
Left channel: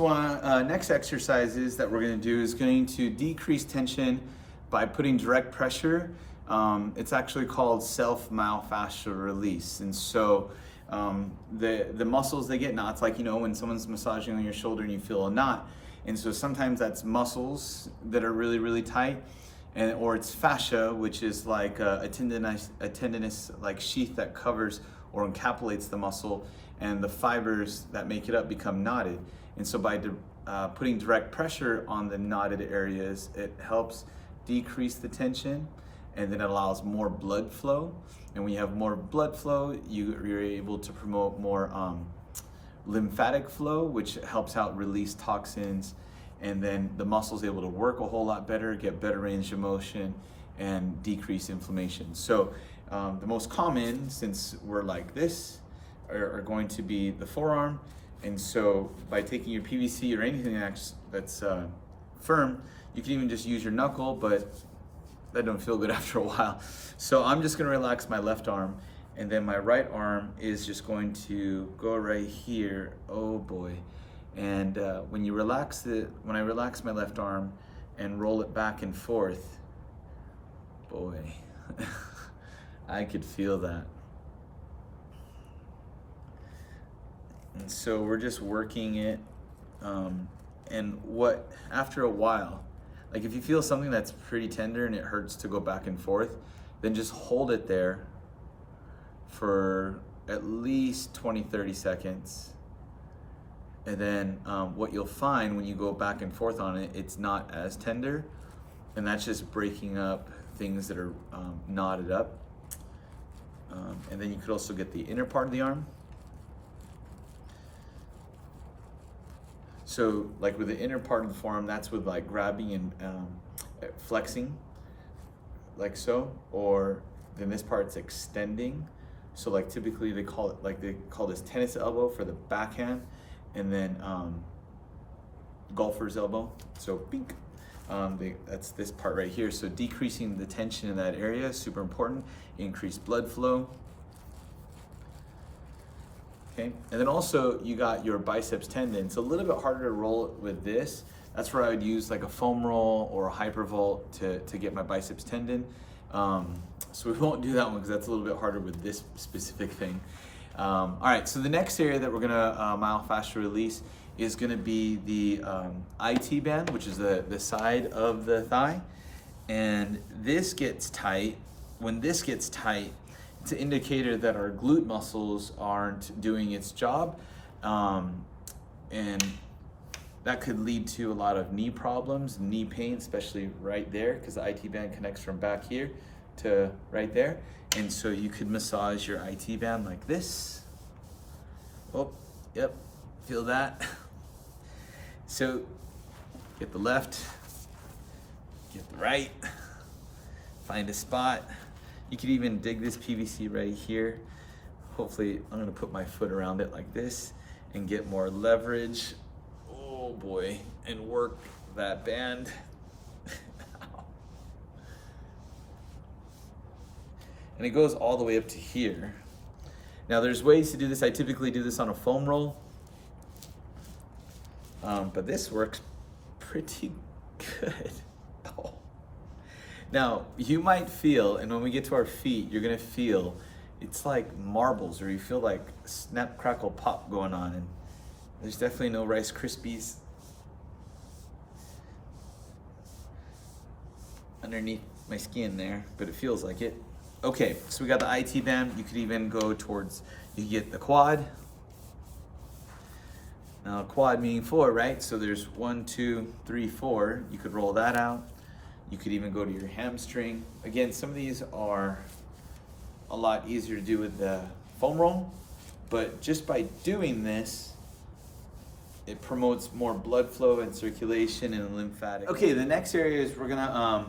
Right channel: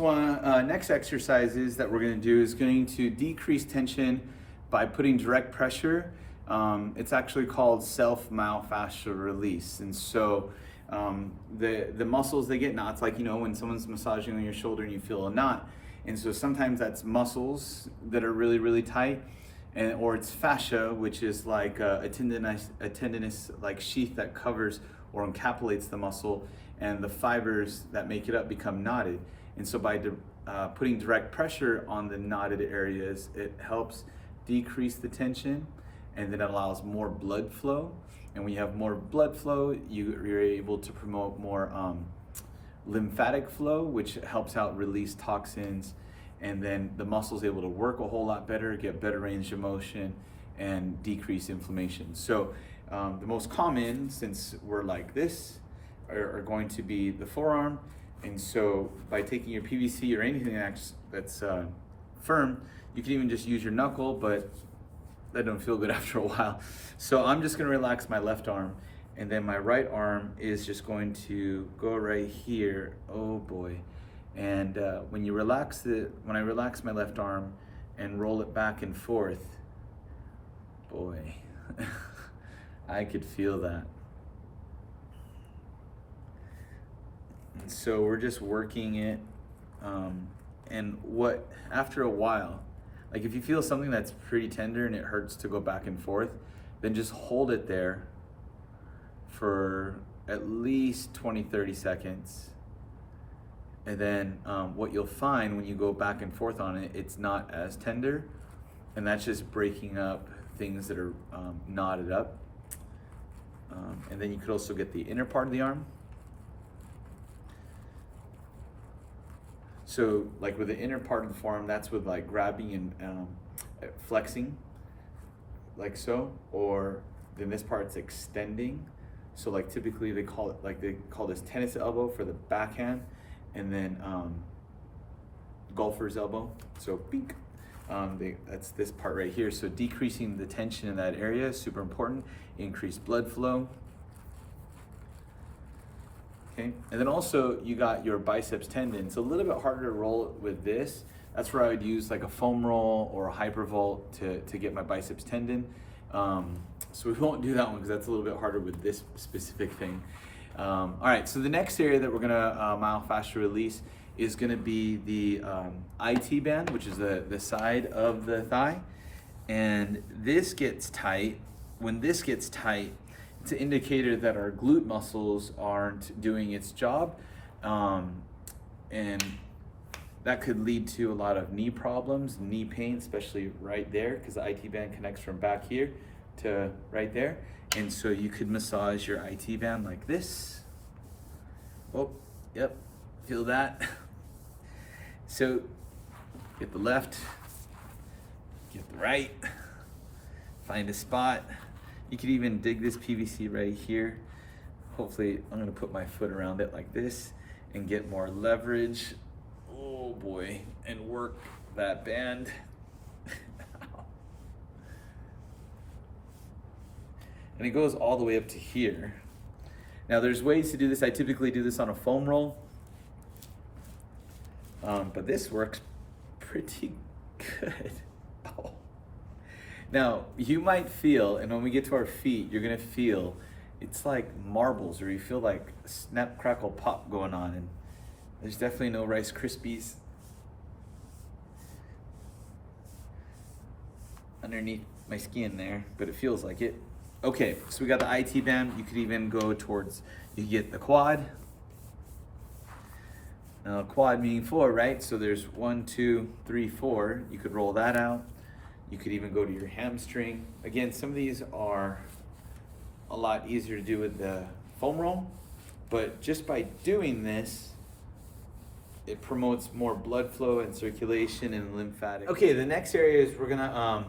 exercises that we're gonna do is going to decrease tension by putting direct pressure. It's actually called self-myofascial release. And so the muscles, they get knots, like, you know, when someone's massaging on your shoulder and you feel a knot. And so sometimes that's muscles that are really, really tight, or it's fascia, which is like a tendinous like sheath that covers or encapsulates the muscle, and the fibers that make it up become knotted. And so by putting direct pressure on the knotted areas, it helps decrease the tension, and then it allows more blood flow. And when you have more blood flow, you're able to promote more lymphatic flow, which helps out release toxins. And then the muscle's able to work a whole lot better, get better range of motion, and decrease inflammation. So the most common, since we're like this, are going to be the forearm. And so by taking your PVC or anything that's firm, you can even just use your knuckle, but that don't feel good after a while. So I'm just gonna relax my left arm, and then my right arm is just going to go right here. Oh boy. And when I relax my left arm and roll it back and forth, boy, I could feel that. And so we're just working it. And after a while, like if you feel something that's pretty tender and it hurts to go back and forth, then just hold it there for at least 20-30 seconds. And then what you'll find when you go back and forth on it, it's not as tender. And that's just breaking up things that are knotted up. And then you could also get the inner part of the arm. So like with the inner part of the forearm, that's with like grabbing and flexing, like so, or then this part's extending. So like typically they call this tennis elbow for the backhand, and then golfer's elbow. So bink, that's this part right here. So decreasing the tension in that area is super important. Increase blood flow. Okay, and then also you got your biceps tendon. It's a little bit harder to roll it with this. That's where I would use like a foam roll or a hypervolt to get my biceps tendon. So we won't do that one because that's a little bit harder with this specific thing. All right, so the next area that we're gonna myofascial release is gonna be the IT band, which is the side of the thigh. And this gets tight. When this gets tight, it's an indicator that our glute muscles aren't doing its job. And that could lead to a lot of knee problems, knee pain, especially right there, because the IT band connects from back here to right there. And so you could massage your IT band like this. Oh, yep, feel that? So get the left, get the right, find a spot. You could even dig this PVC right here. Hopefully, I'm gonna put my foot around it like this and get more leverage. Oh boy, and work that band. And it goes all the way up to here. Now there's ways to do this. I typically do this on a foam roll. But this works pretty good. Oh. Now, you might feel, and when we get to our feet, you're gonna feel, it's like marbles, or you feel like snap, crackle, pop going on, and there's definitely no Rice Krispies underneath my skin there, but it feels like it. Okay, so we got the IT band. You could even go towards, you get the quad. Now quad meaning 4, right? So there's 1, 2, 3, 4. You could roll that out. You could even go to your hamstring. Again, some of these are a lot easier to do with the foam roll, but just by doing this, it promotes more blood flow and circulation and lymphatic. Okay, the next area is we're gonna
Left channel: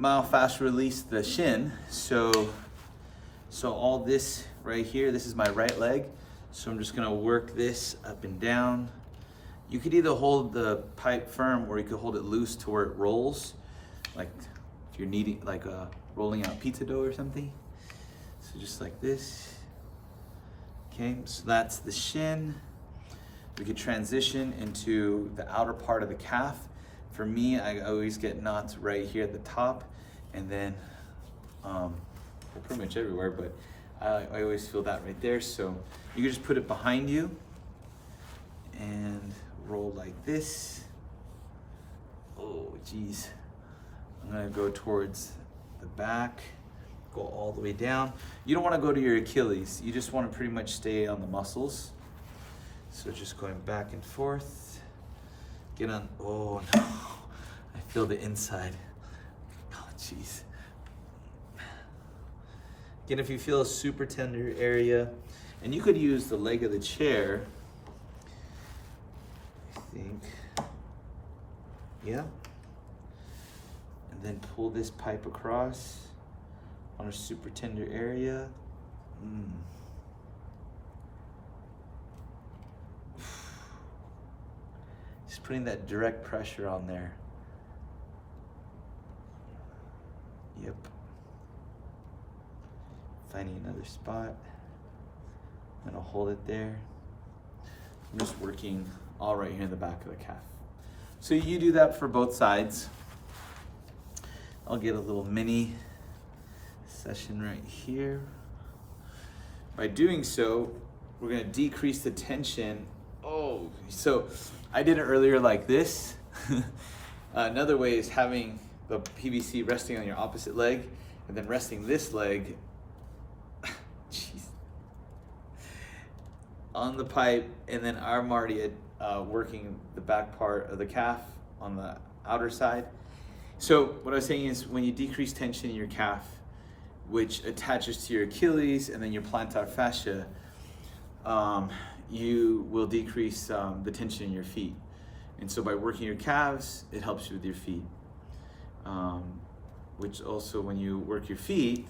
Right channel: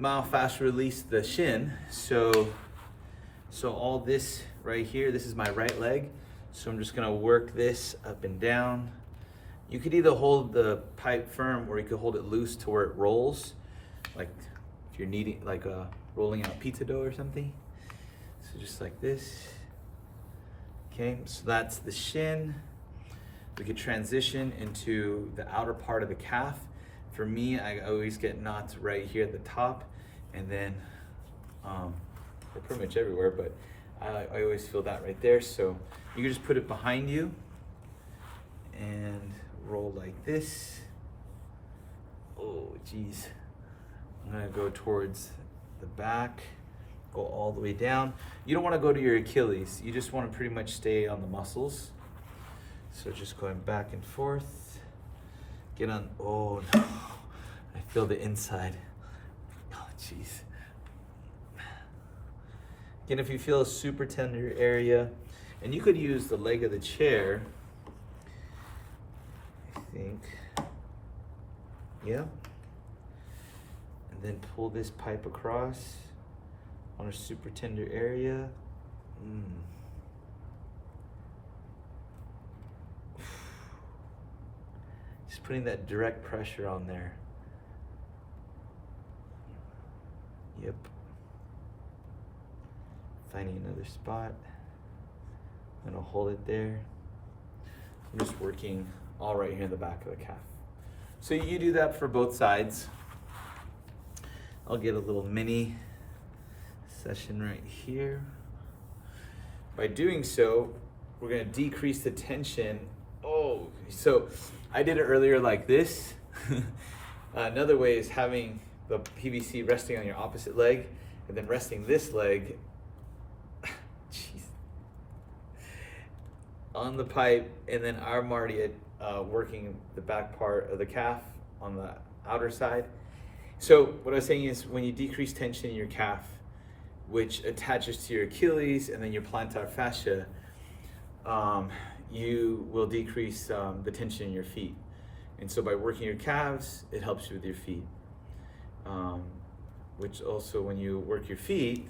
myofascial release the shin. So all this right here, this is my right leg. So I'm just gonna work this up and down. You could either hold the pipe firm or you could hold it loose to where it rolls, like if you're kneading, like rolling out pizza dough or something. So just like this. Okay, so that's the shin. We could transition into the outer part of the calf. For me, I always get knots right here at the top, and then well, pretty much everywhere, but I always feel that right there. So you can just put it behind you and roll like this. Oh, geez. I'm gonna go towards the back, go all the way down. You don't wanna go to your Achilles. You just wanna pretty much stay on the muscles. So just going back and forth. Get on, oh no. I feel the inside. Oh, geez. Again, if you feel a super tender area, and you could use the leg of the chair, I think, yeah. And then pull this pipe across on a super tender area. Just putting that direct pressure on there. Yep. Finding another spot. I'm gonna hold it there. I'm just working all right here in the back of the calf. So you do that for both sides. I'll get a little mini session right here. By doing so, we're gonna decrease the tension. Oh, so I did it earlier like this. Another way is having the PVC resting on your opposite leg and then resting this leg on the pipe, and then I'm already working the back part of the calf on the outer side. So what I was saying is when you decrease tension in your calf, which attaches to your Achilles and then your plantar fascia, you will decrease the tension in your feet. And so by working your calves, it helps you with your feet. Which also, when you work your feet,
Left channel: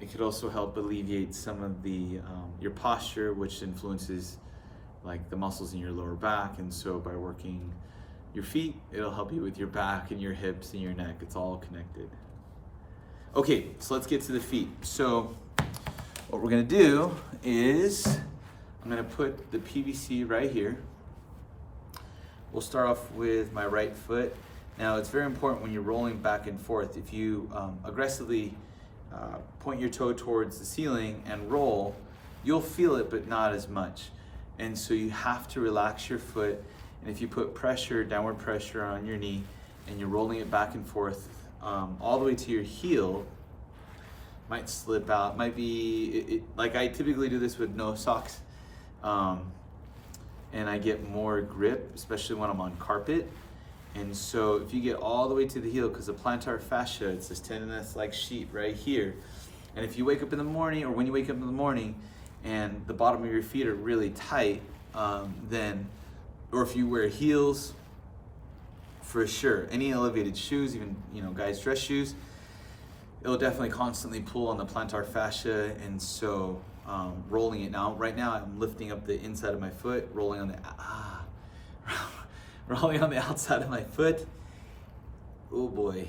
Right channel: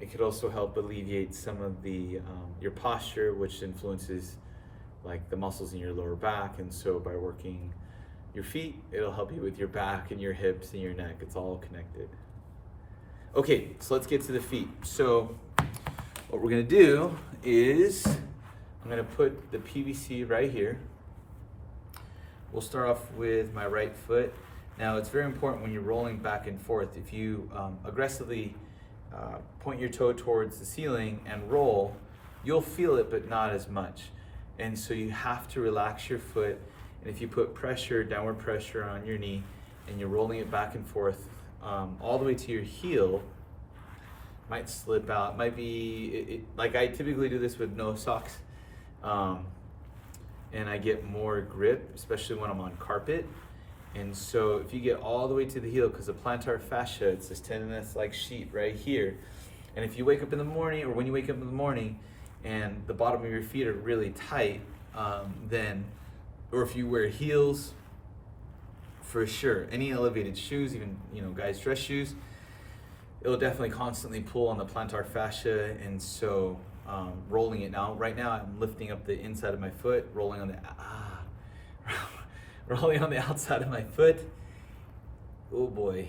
it could also help alleviate some of the your posture, which influences like the muscles in your lower back. And so by working your feet, it'll help you with your back and your hips and your neck. It's all connected. Okay, so let's get to the feet. So what we're gonna do is I'm gonna put the PVC right here. We'll start off with my right foot. Now it's very important when you're rolling back and forth, if you aggressively point your toe towards the ceiling and roll, you'll feel it, but not as much. And so you have to relax your foot. And if you put pressure, downward pressure on your knee, and you're rolling it back and forth all the way to your heel, might slip out, might be, like I typically do this with no socks. And I get more grip, especially when I'm on carpet. And so if you get all the way to the heel, because the plantar fascia, it's this tendinous like sheet right here. And if you wake up in the morning, or when you wake up in the morning and the bottom of your feet are really tight, then, or if you wear heels, for sure, any elevated shoes, even, you know, guys' dress shoes, it'll definitely constantly pull on the plantar fascia. And so rolling it now, right now I'm lifting up the inside of my foot, rolling on the, rolling on the outside of my foot. Oh boy.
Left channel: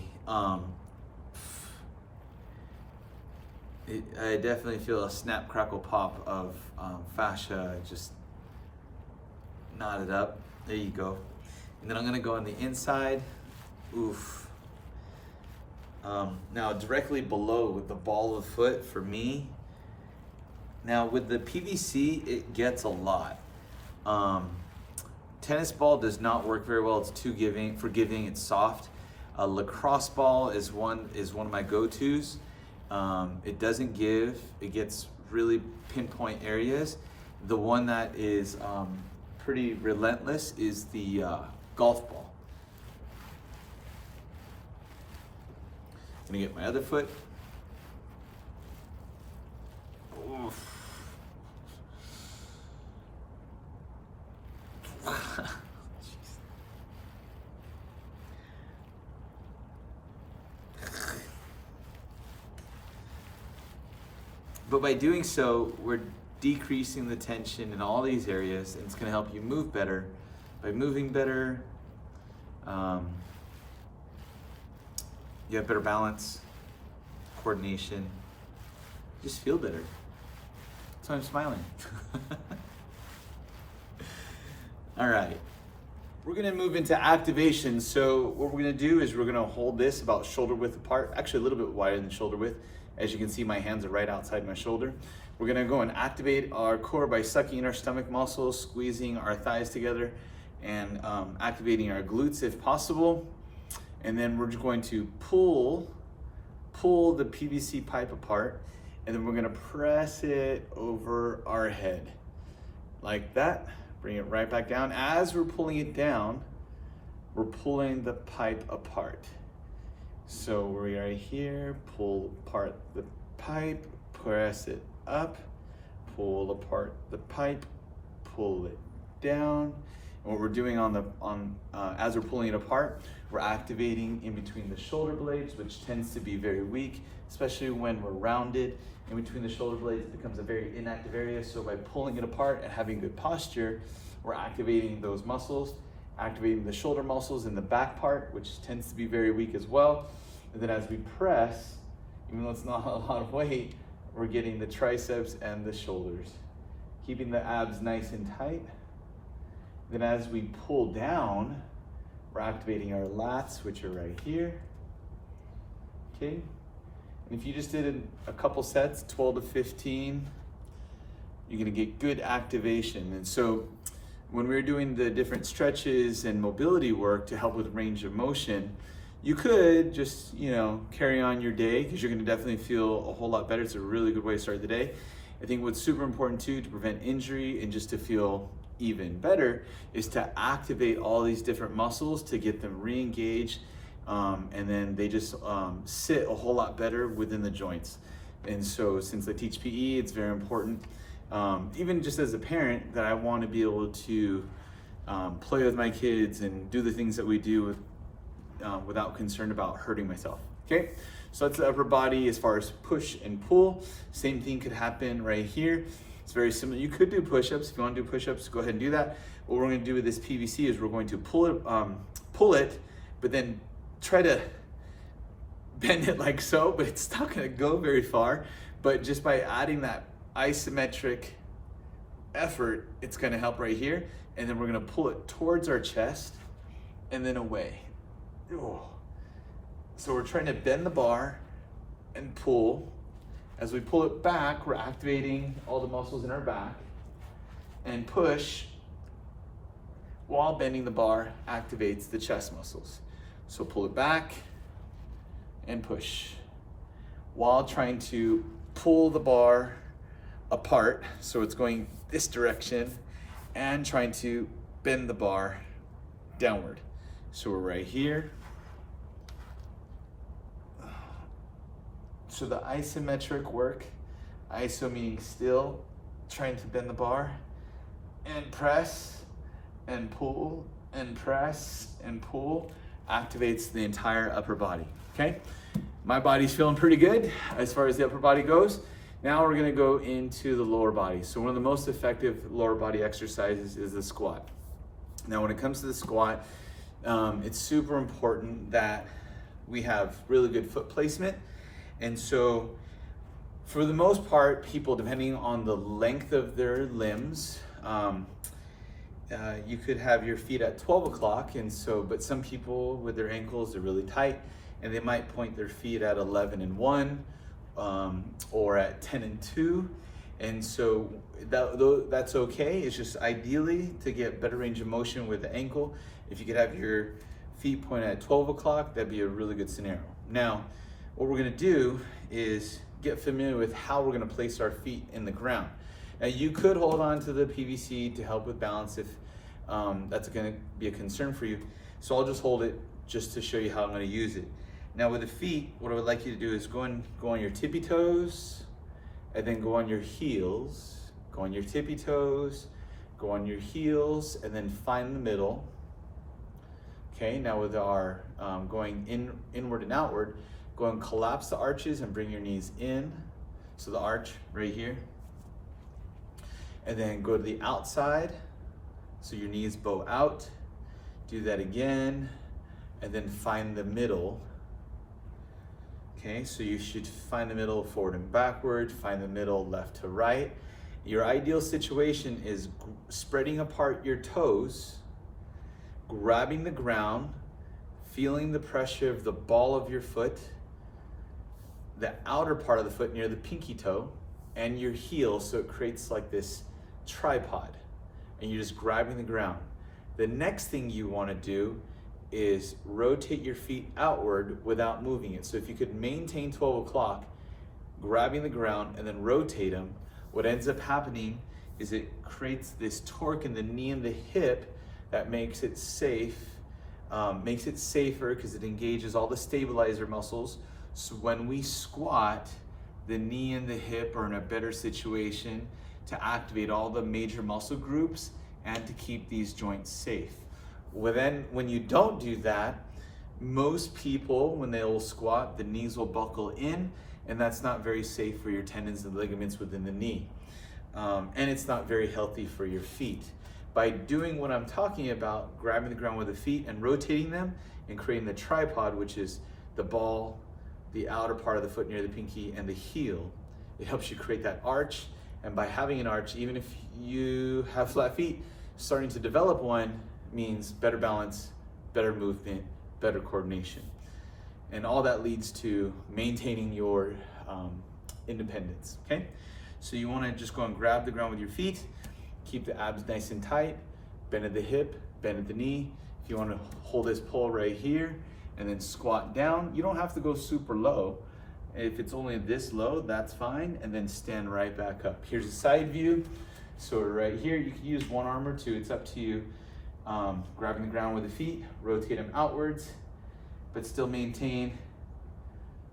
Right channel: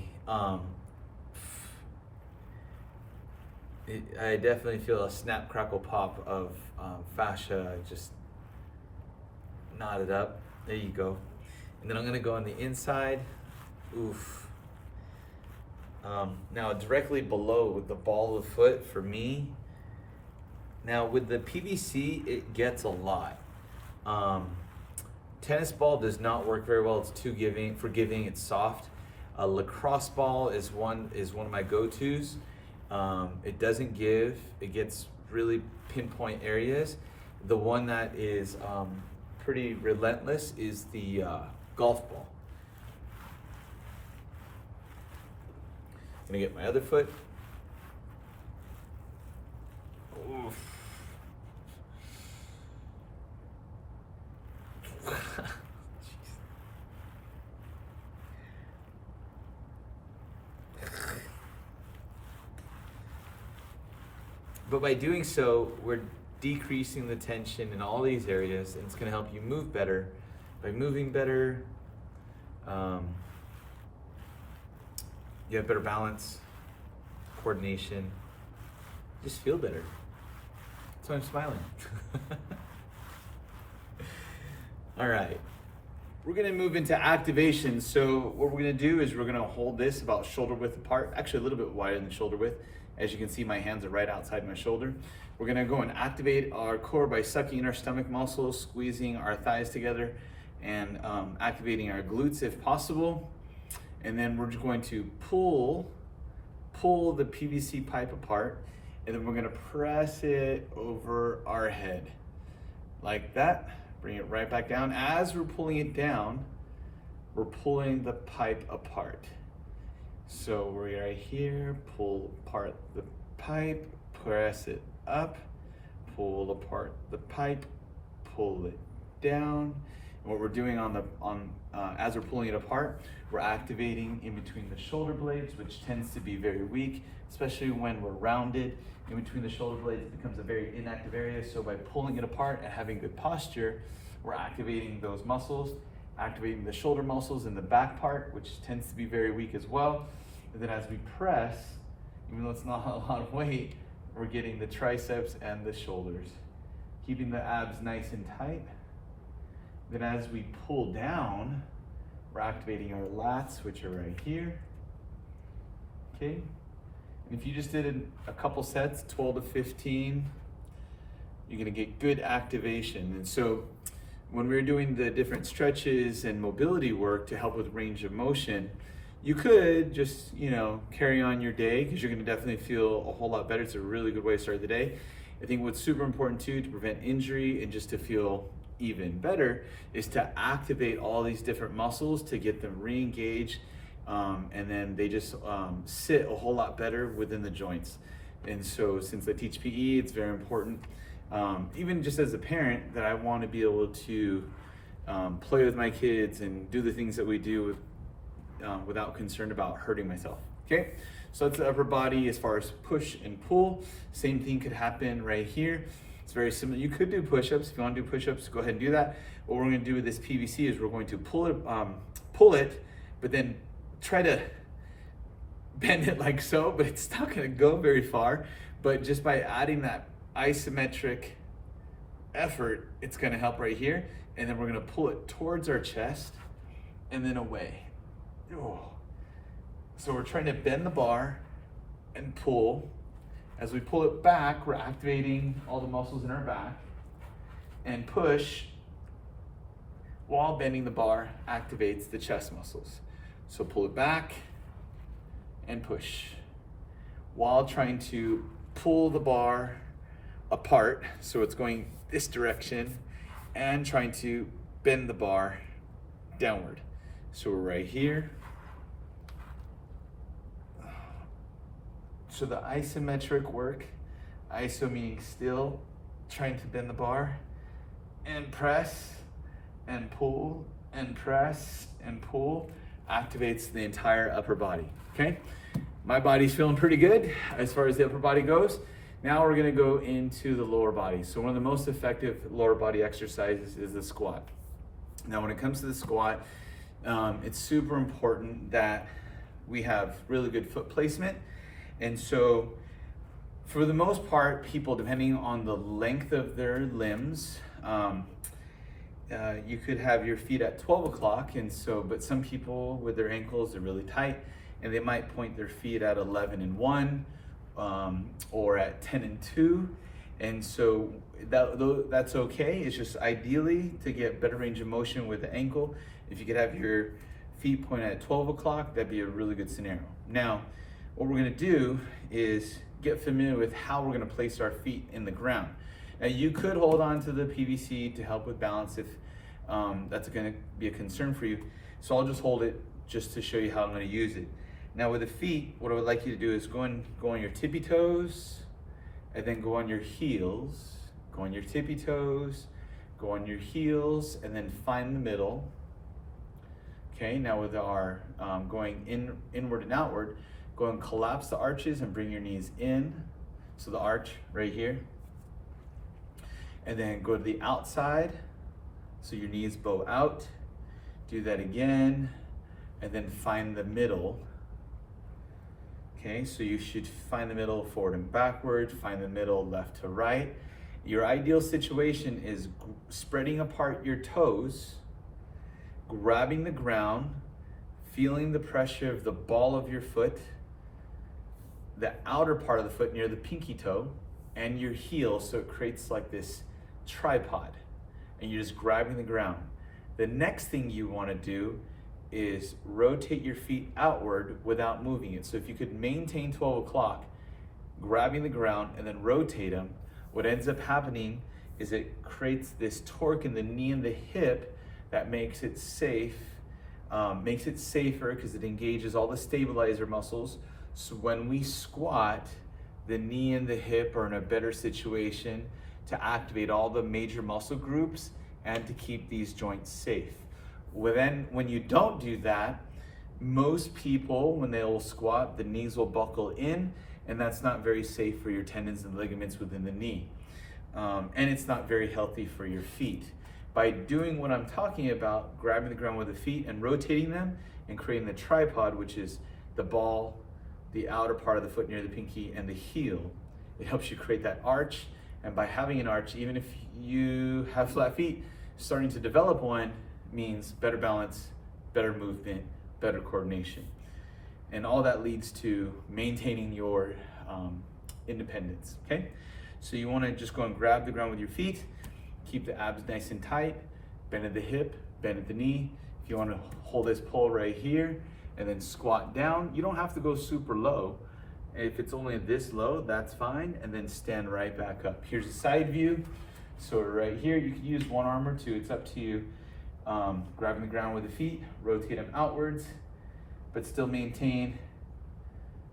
I definitely feel a snap, crackle, pop of fascia just knotted up. There you go. And then I'm gonna go on the inside. Oof. Now directly below the ball of the foot for me. Now with the PVC, it gets a lot. Tennis ball does not work very well. It's too forgiving. It's soft. A lacrosse ball is one of my go-tos. It doesn't give. It gets really pinpoint areas. The one that is pretty relentless is the golf ball. I'm gonna get my other foot. Oof. But by doing so, we're decreasing the tension in all these areas, and it's going to help you move better. By moving better, you have better balance, coordination, just feel better. So I'm smiling. All right, we're gonna move into activation. So what we're gonna do is we're gonna hold this about shoulder width apart, actually a little bit wider than shoulder width. As you can see, my hands are right outside my shoulder. We're gonna go and activate our core by sucking in our stomach muscles, squeezing our thighs together, and activating our glutes if possible. And then we're just going to pull the PVC pipe apart, and then we're gonna press it over our head like that. Bring it right back down. As we're pulling it down, we're pulling the pipe apart. So we're right here, pull apart the pipe, press it up, pull apart the pipe, pull it down. And what we're doing as we're pulling it apart, we're activating in between the shoulder blades, which tends to be very weak, especially when we're rounded. In between the shoulder blades, it becomes a very inactive area. So by pulling it apart and having good posture, we're activating those muscles, activating the shoulder muscles in the back part, which tends to be very weak as well. And then as we press, even though it's not a lot of weight, we're getting the triceps and the shoulders, keeping the abs nice and tight. Then as we pull down, we're activating our lats, which are right here. Okay. And if you just did a couple sets, 12 to 15, you're gonna get good activation. And so when we're doing the different stretches and mobility work to help with range of motion, you could just, carry on your day, because you're gonna definitely feel a whole lot better. It's a really good way to start the day. I think what's super important too, to prevent injury and just to feel even better, is to activate all these different muscles to get them re-engaged, and then they just sit a whole lot better within the joints. And so since I teach PE, it's very important, even just as a parent, that I want to be able to play with my kids and do the things that we do without concern about hurting myself. Okay, so that's the upper body as far as push and pull. Same thing could happen right here. It's very similar. You could do push-ups. If you want to do push-ups, go ahead and do that. What we're going to do with this PVC is we're going to pull it, but then try to bend it like so, but it's not going to go very far. But just by adding that isometric effort, it's going to help right here. And then we're going to pull it towards our chest and then away. Oh. So we're trying to bend the bar and pull. As we pull it back, we're activating all the muscles in our back, and push while bending the bar activates the chest muscles. So pull it back and push while trying to pull the bar apart. So it's going this direction and trying to bend the bar downward. So we're right here. So the isometric work, iso meaning still, trying to bend the bar, and press, and pull, and press, and pull, activates the entire upper body, okay? My body's feeling pretty good as far as the upper body goes. Now we're gonna go into the lower body. So one of the most effective lower body exercises is the squat. Now when it comes to the squat, it's super important that we have really good foot placement. And so for the most part, people, depending on the length of their limbs, you could have your feet at 12 o'clock. And so, but some people with their ankles are really tight, and they might point their feet at 11 and 1, or at 10 and 2. And so that's okay. It's just ideally to get better range of motion with the ankle. If you could have your feet pointed at 12 o'clock, that'd be a really good scenario. Now, what we're gonna do is get familiar with how we're gonna place our feet in the ground. Now you could hold on to the PVC to help with balance if that's gonna be a concern for you. So I'll just hold it just to show you how I'm gonna use it. Now with the feet, what I would like you to do is go on your tippy toes, and then go on your heels, go on your tippy toes, go on your heels, and then find the middle. Okay, now with our going inward and outward, go and collapse the arches and bring your knees in. So the arch right here. And then go to the outside. So your knees bow out. Do that again. And then find the middle. Okay, so you should find the middle forward and backward. Find the middle left to right. Your ideal situation is spreading apart your toes, grabbing the ground, feeling the pressure of the ball of your foot, the outer part of the foot near the pinky toe, and your heel, so it creates like this tripod, and you're just grabbing the ground. The next thing you want to do is rotate your feet outward without moving it. So if you could maintain 12 o'clock, grabbing the ground and then rotate them, what ends up happening is it creates this torque in the knee and the hip that makes it safe, makes it safer because it engages all the stabilizer muscles. So when we squat, the knee and the hip are in a better situation to activate all the major muscle groups and to keep these joints safe. Well, then when you don't do that, most people, when they will squat, the knees will buckle in, and that's not very safe for your tendons and ligaments within the knee. And it's not very healthy for your feet. By doing what I'm talking about, grabbing the ground with the feet and rotating them and creating the tripod, which is the ball, the outer part of the foot near the pinky, and the heel, it helps you create that arch. And by having an arch, even if you have flat feet, starting to develop one means better balance, better movement, better coordination. And all that leads to maintaining your independence, okay? So you wanna just go and grab the ground with your feet, keep the abs nice and tight, bend at the hip, bend at the knee. If you wanna hold this pole right here and then squat down, you don't have to go super low. If it's only this low, that's fine, and then stand right back up. Here's a side view. So right here, you can use one arm or two, it's up to you. Grabbing the ground with the feet, rotate them outwards, but still maintain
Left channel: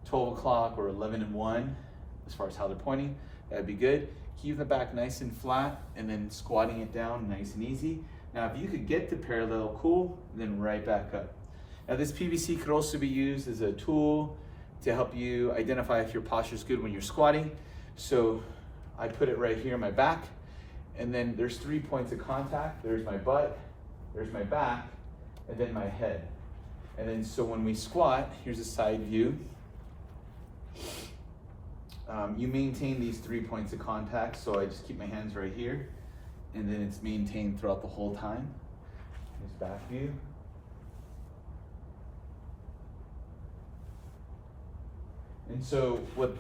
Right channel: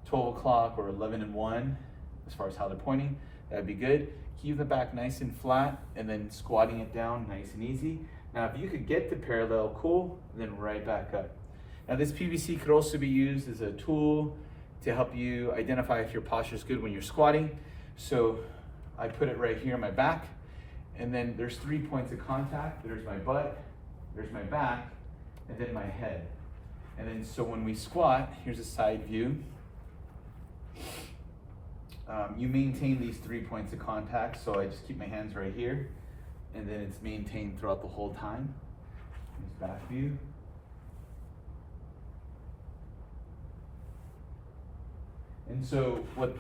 12 o'clock or 11 and 1 as far as how they're pointing. That'd be good. Keep the back nice and flat and then squatting it down nice and easy. Now, if you could get to parallel, cool, and then right back up. Now, this PVC could also be used as a tool to help you identify if your posture is good when you're squatting. So I put it right here on my back, and then there's 3 points of contact. There's my butt, there's my back, and then my head. And then so when we squat, here's a side view. You maintain these 3 points of contact. So I just keep my hands right here, and then it's maintained throughout the whole time. Here's back view. And so what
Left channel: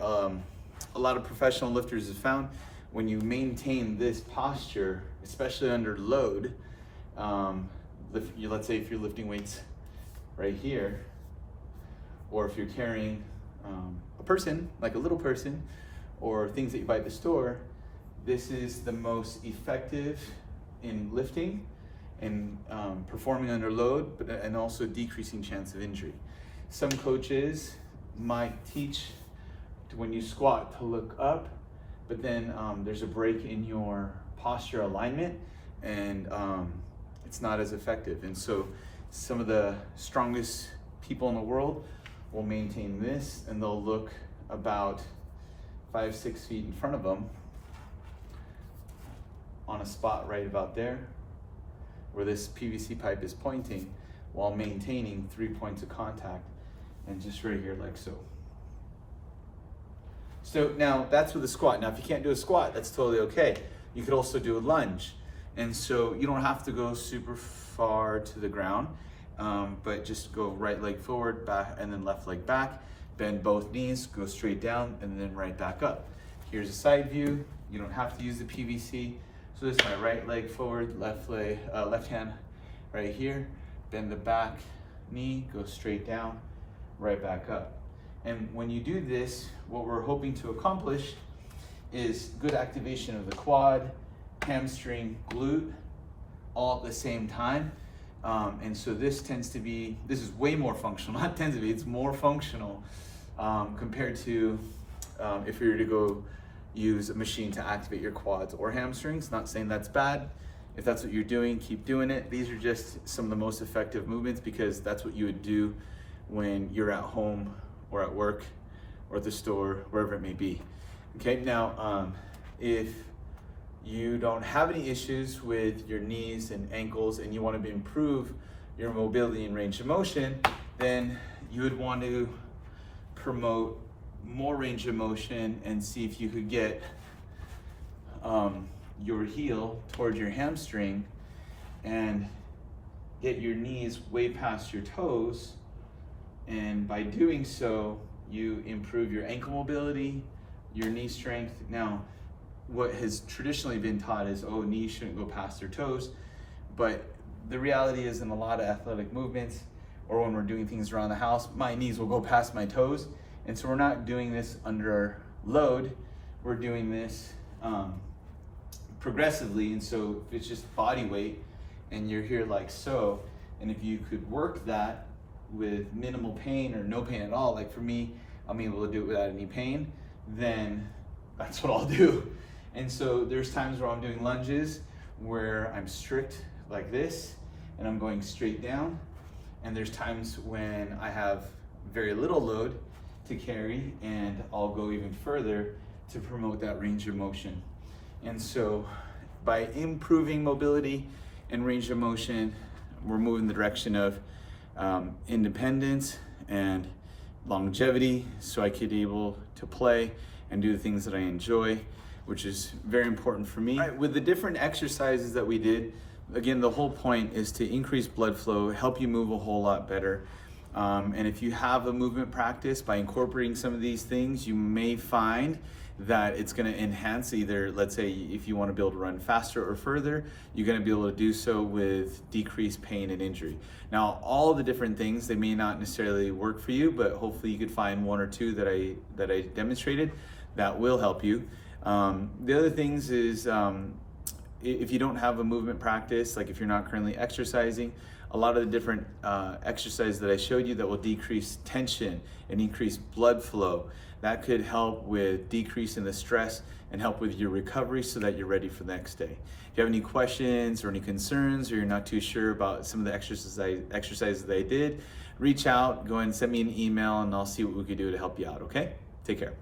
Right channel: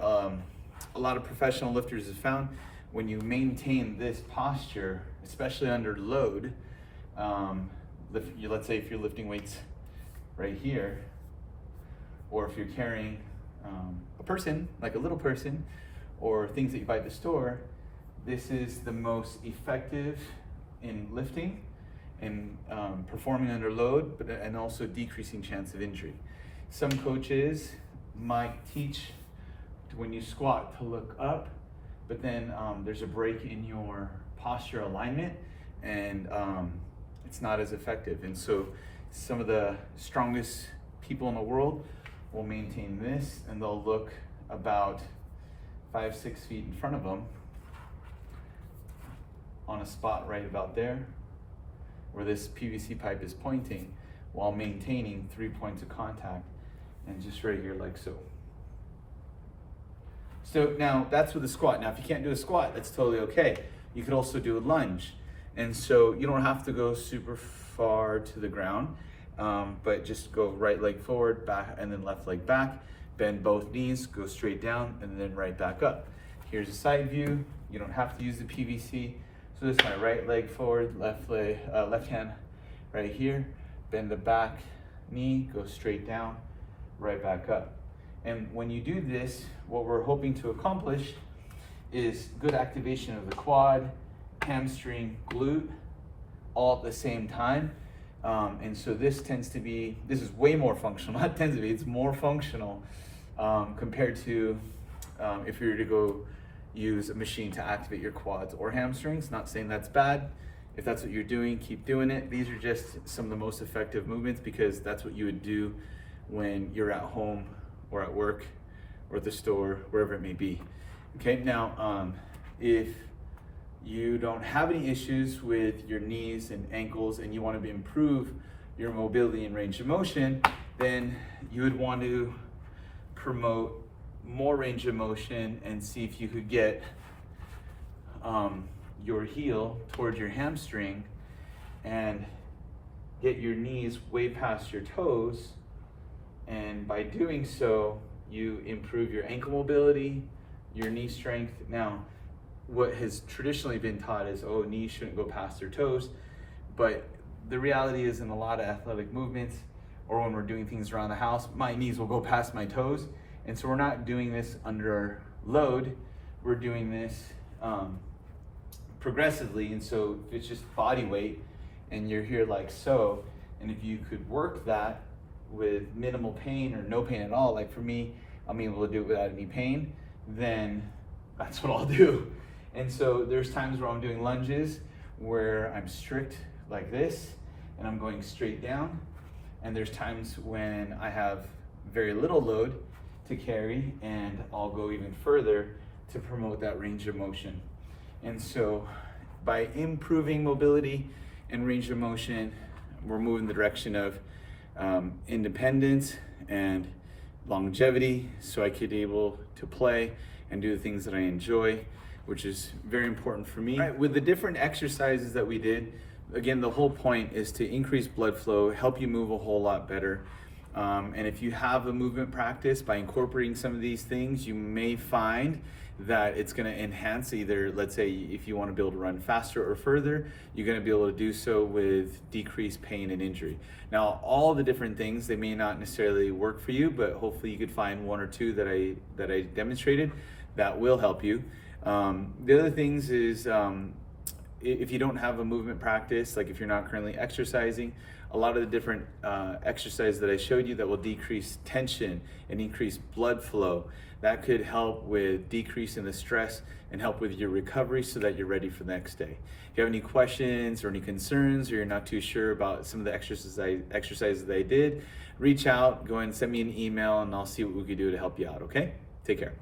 a lot of professional lifters have found, when you maintain this posture, especially under load, let's say if you're lifting weights right here, or if you're carrying a person, like a little person, or things that you buy at the store, this is the most effective in lifting and performing under load, and also decreasing chance of injury. Some coaches might teach when you squat to look up, but then there's a break in your posture alignment, and it's not as effective. And so some of the strongest people in the world will maintain this, and they'll look about 5-6 feet in front of them on a spot right about there where this PVC pipe is pointing, while maintaining 3 points of contact, and just right here like so. So now that's with a squat. Now if you can't do a squat, that's totally okay. You could also do a lunge. And so you don't have to go super far to the ground, but just go right leg forward, back, and then left leg back. Bend both knees, go straight down, and then right back up. Here's a side view. You don't have to use the PVC. So this is my right leg forward, left hand right here. Bend the back knee, go straight down, right back up. And when you do this, what we're hoping to accomplish is good activation of the quad, hamstring, glute, all at the same time. And so this is way more functional, not tends to be, it's more functional compared to if you were to go use a machine to activate your quads or hamstrings. Not saying that's bad. If that's what you're doing, keep doing it. These are just some of the most effective movements, because that's what you would do when you're at home or at work or at the store, wherever it may be. Okay, now if you don't have any issues with your knees and ankles and you want to improve your mobility and range of motion, then you would want to promote more range of motion and see if you could get your heel towards your hamstring and get your knees way past your toes. And by doing so, you improve your ankle mobility, your knee strength. Now, what has traditionally been taught is, oh, knees shouldn't go past their toes. But the reality is, in a lot of athletic movements, or when we're doing things around the house, my knees will go past my toes. And so we're not doing this under load. We're doing this progressively. And so if it's just body weight and you're here like so, and if you could work that with minimal pain or no pain at all, like for me, I'm able to do it without any pain. then that's what I'll do. And so there's times where I'm doing lunges where I'm strict like this and I'm going straight down. And there's times when I have very little load to carry and I'll go even further to promote that range of motion. And so by improving mobility and range of motion, we're moving the direction of independence and longevity, so I could be able to play and do the things that I enjoy, which is very important for me. All right, with the different exercises that we did, again, the whole point is to increase blood flow, help you move a whole lot better. And if you have a movement practice, by incorporating some of these things, you may find that it's going to enhance either, let's say, if you want to be able to run faster or further, you're going to be able to do so with decreased pain and injury. Now, all the different things, they may not necessarily work for you, but hopefully you could find one or two that I demonstrated that will help you. The other things is, if you don't have a movement practice, like if you're not currently exercising, a lot of the different exercises that I showed you that will decrease tension and increase blood flow, that could help with decreasing the stress and help with your recovery so that you're ready for the next day. If you have any questions or any concerns, or you're not too sure about some of the exercises that I did, reach out, go ahead and send me an email and I'll see what we can do to help you out, okay? Take care.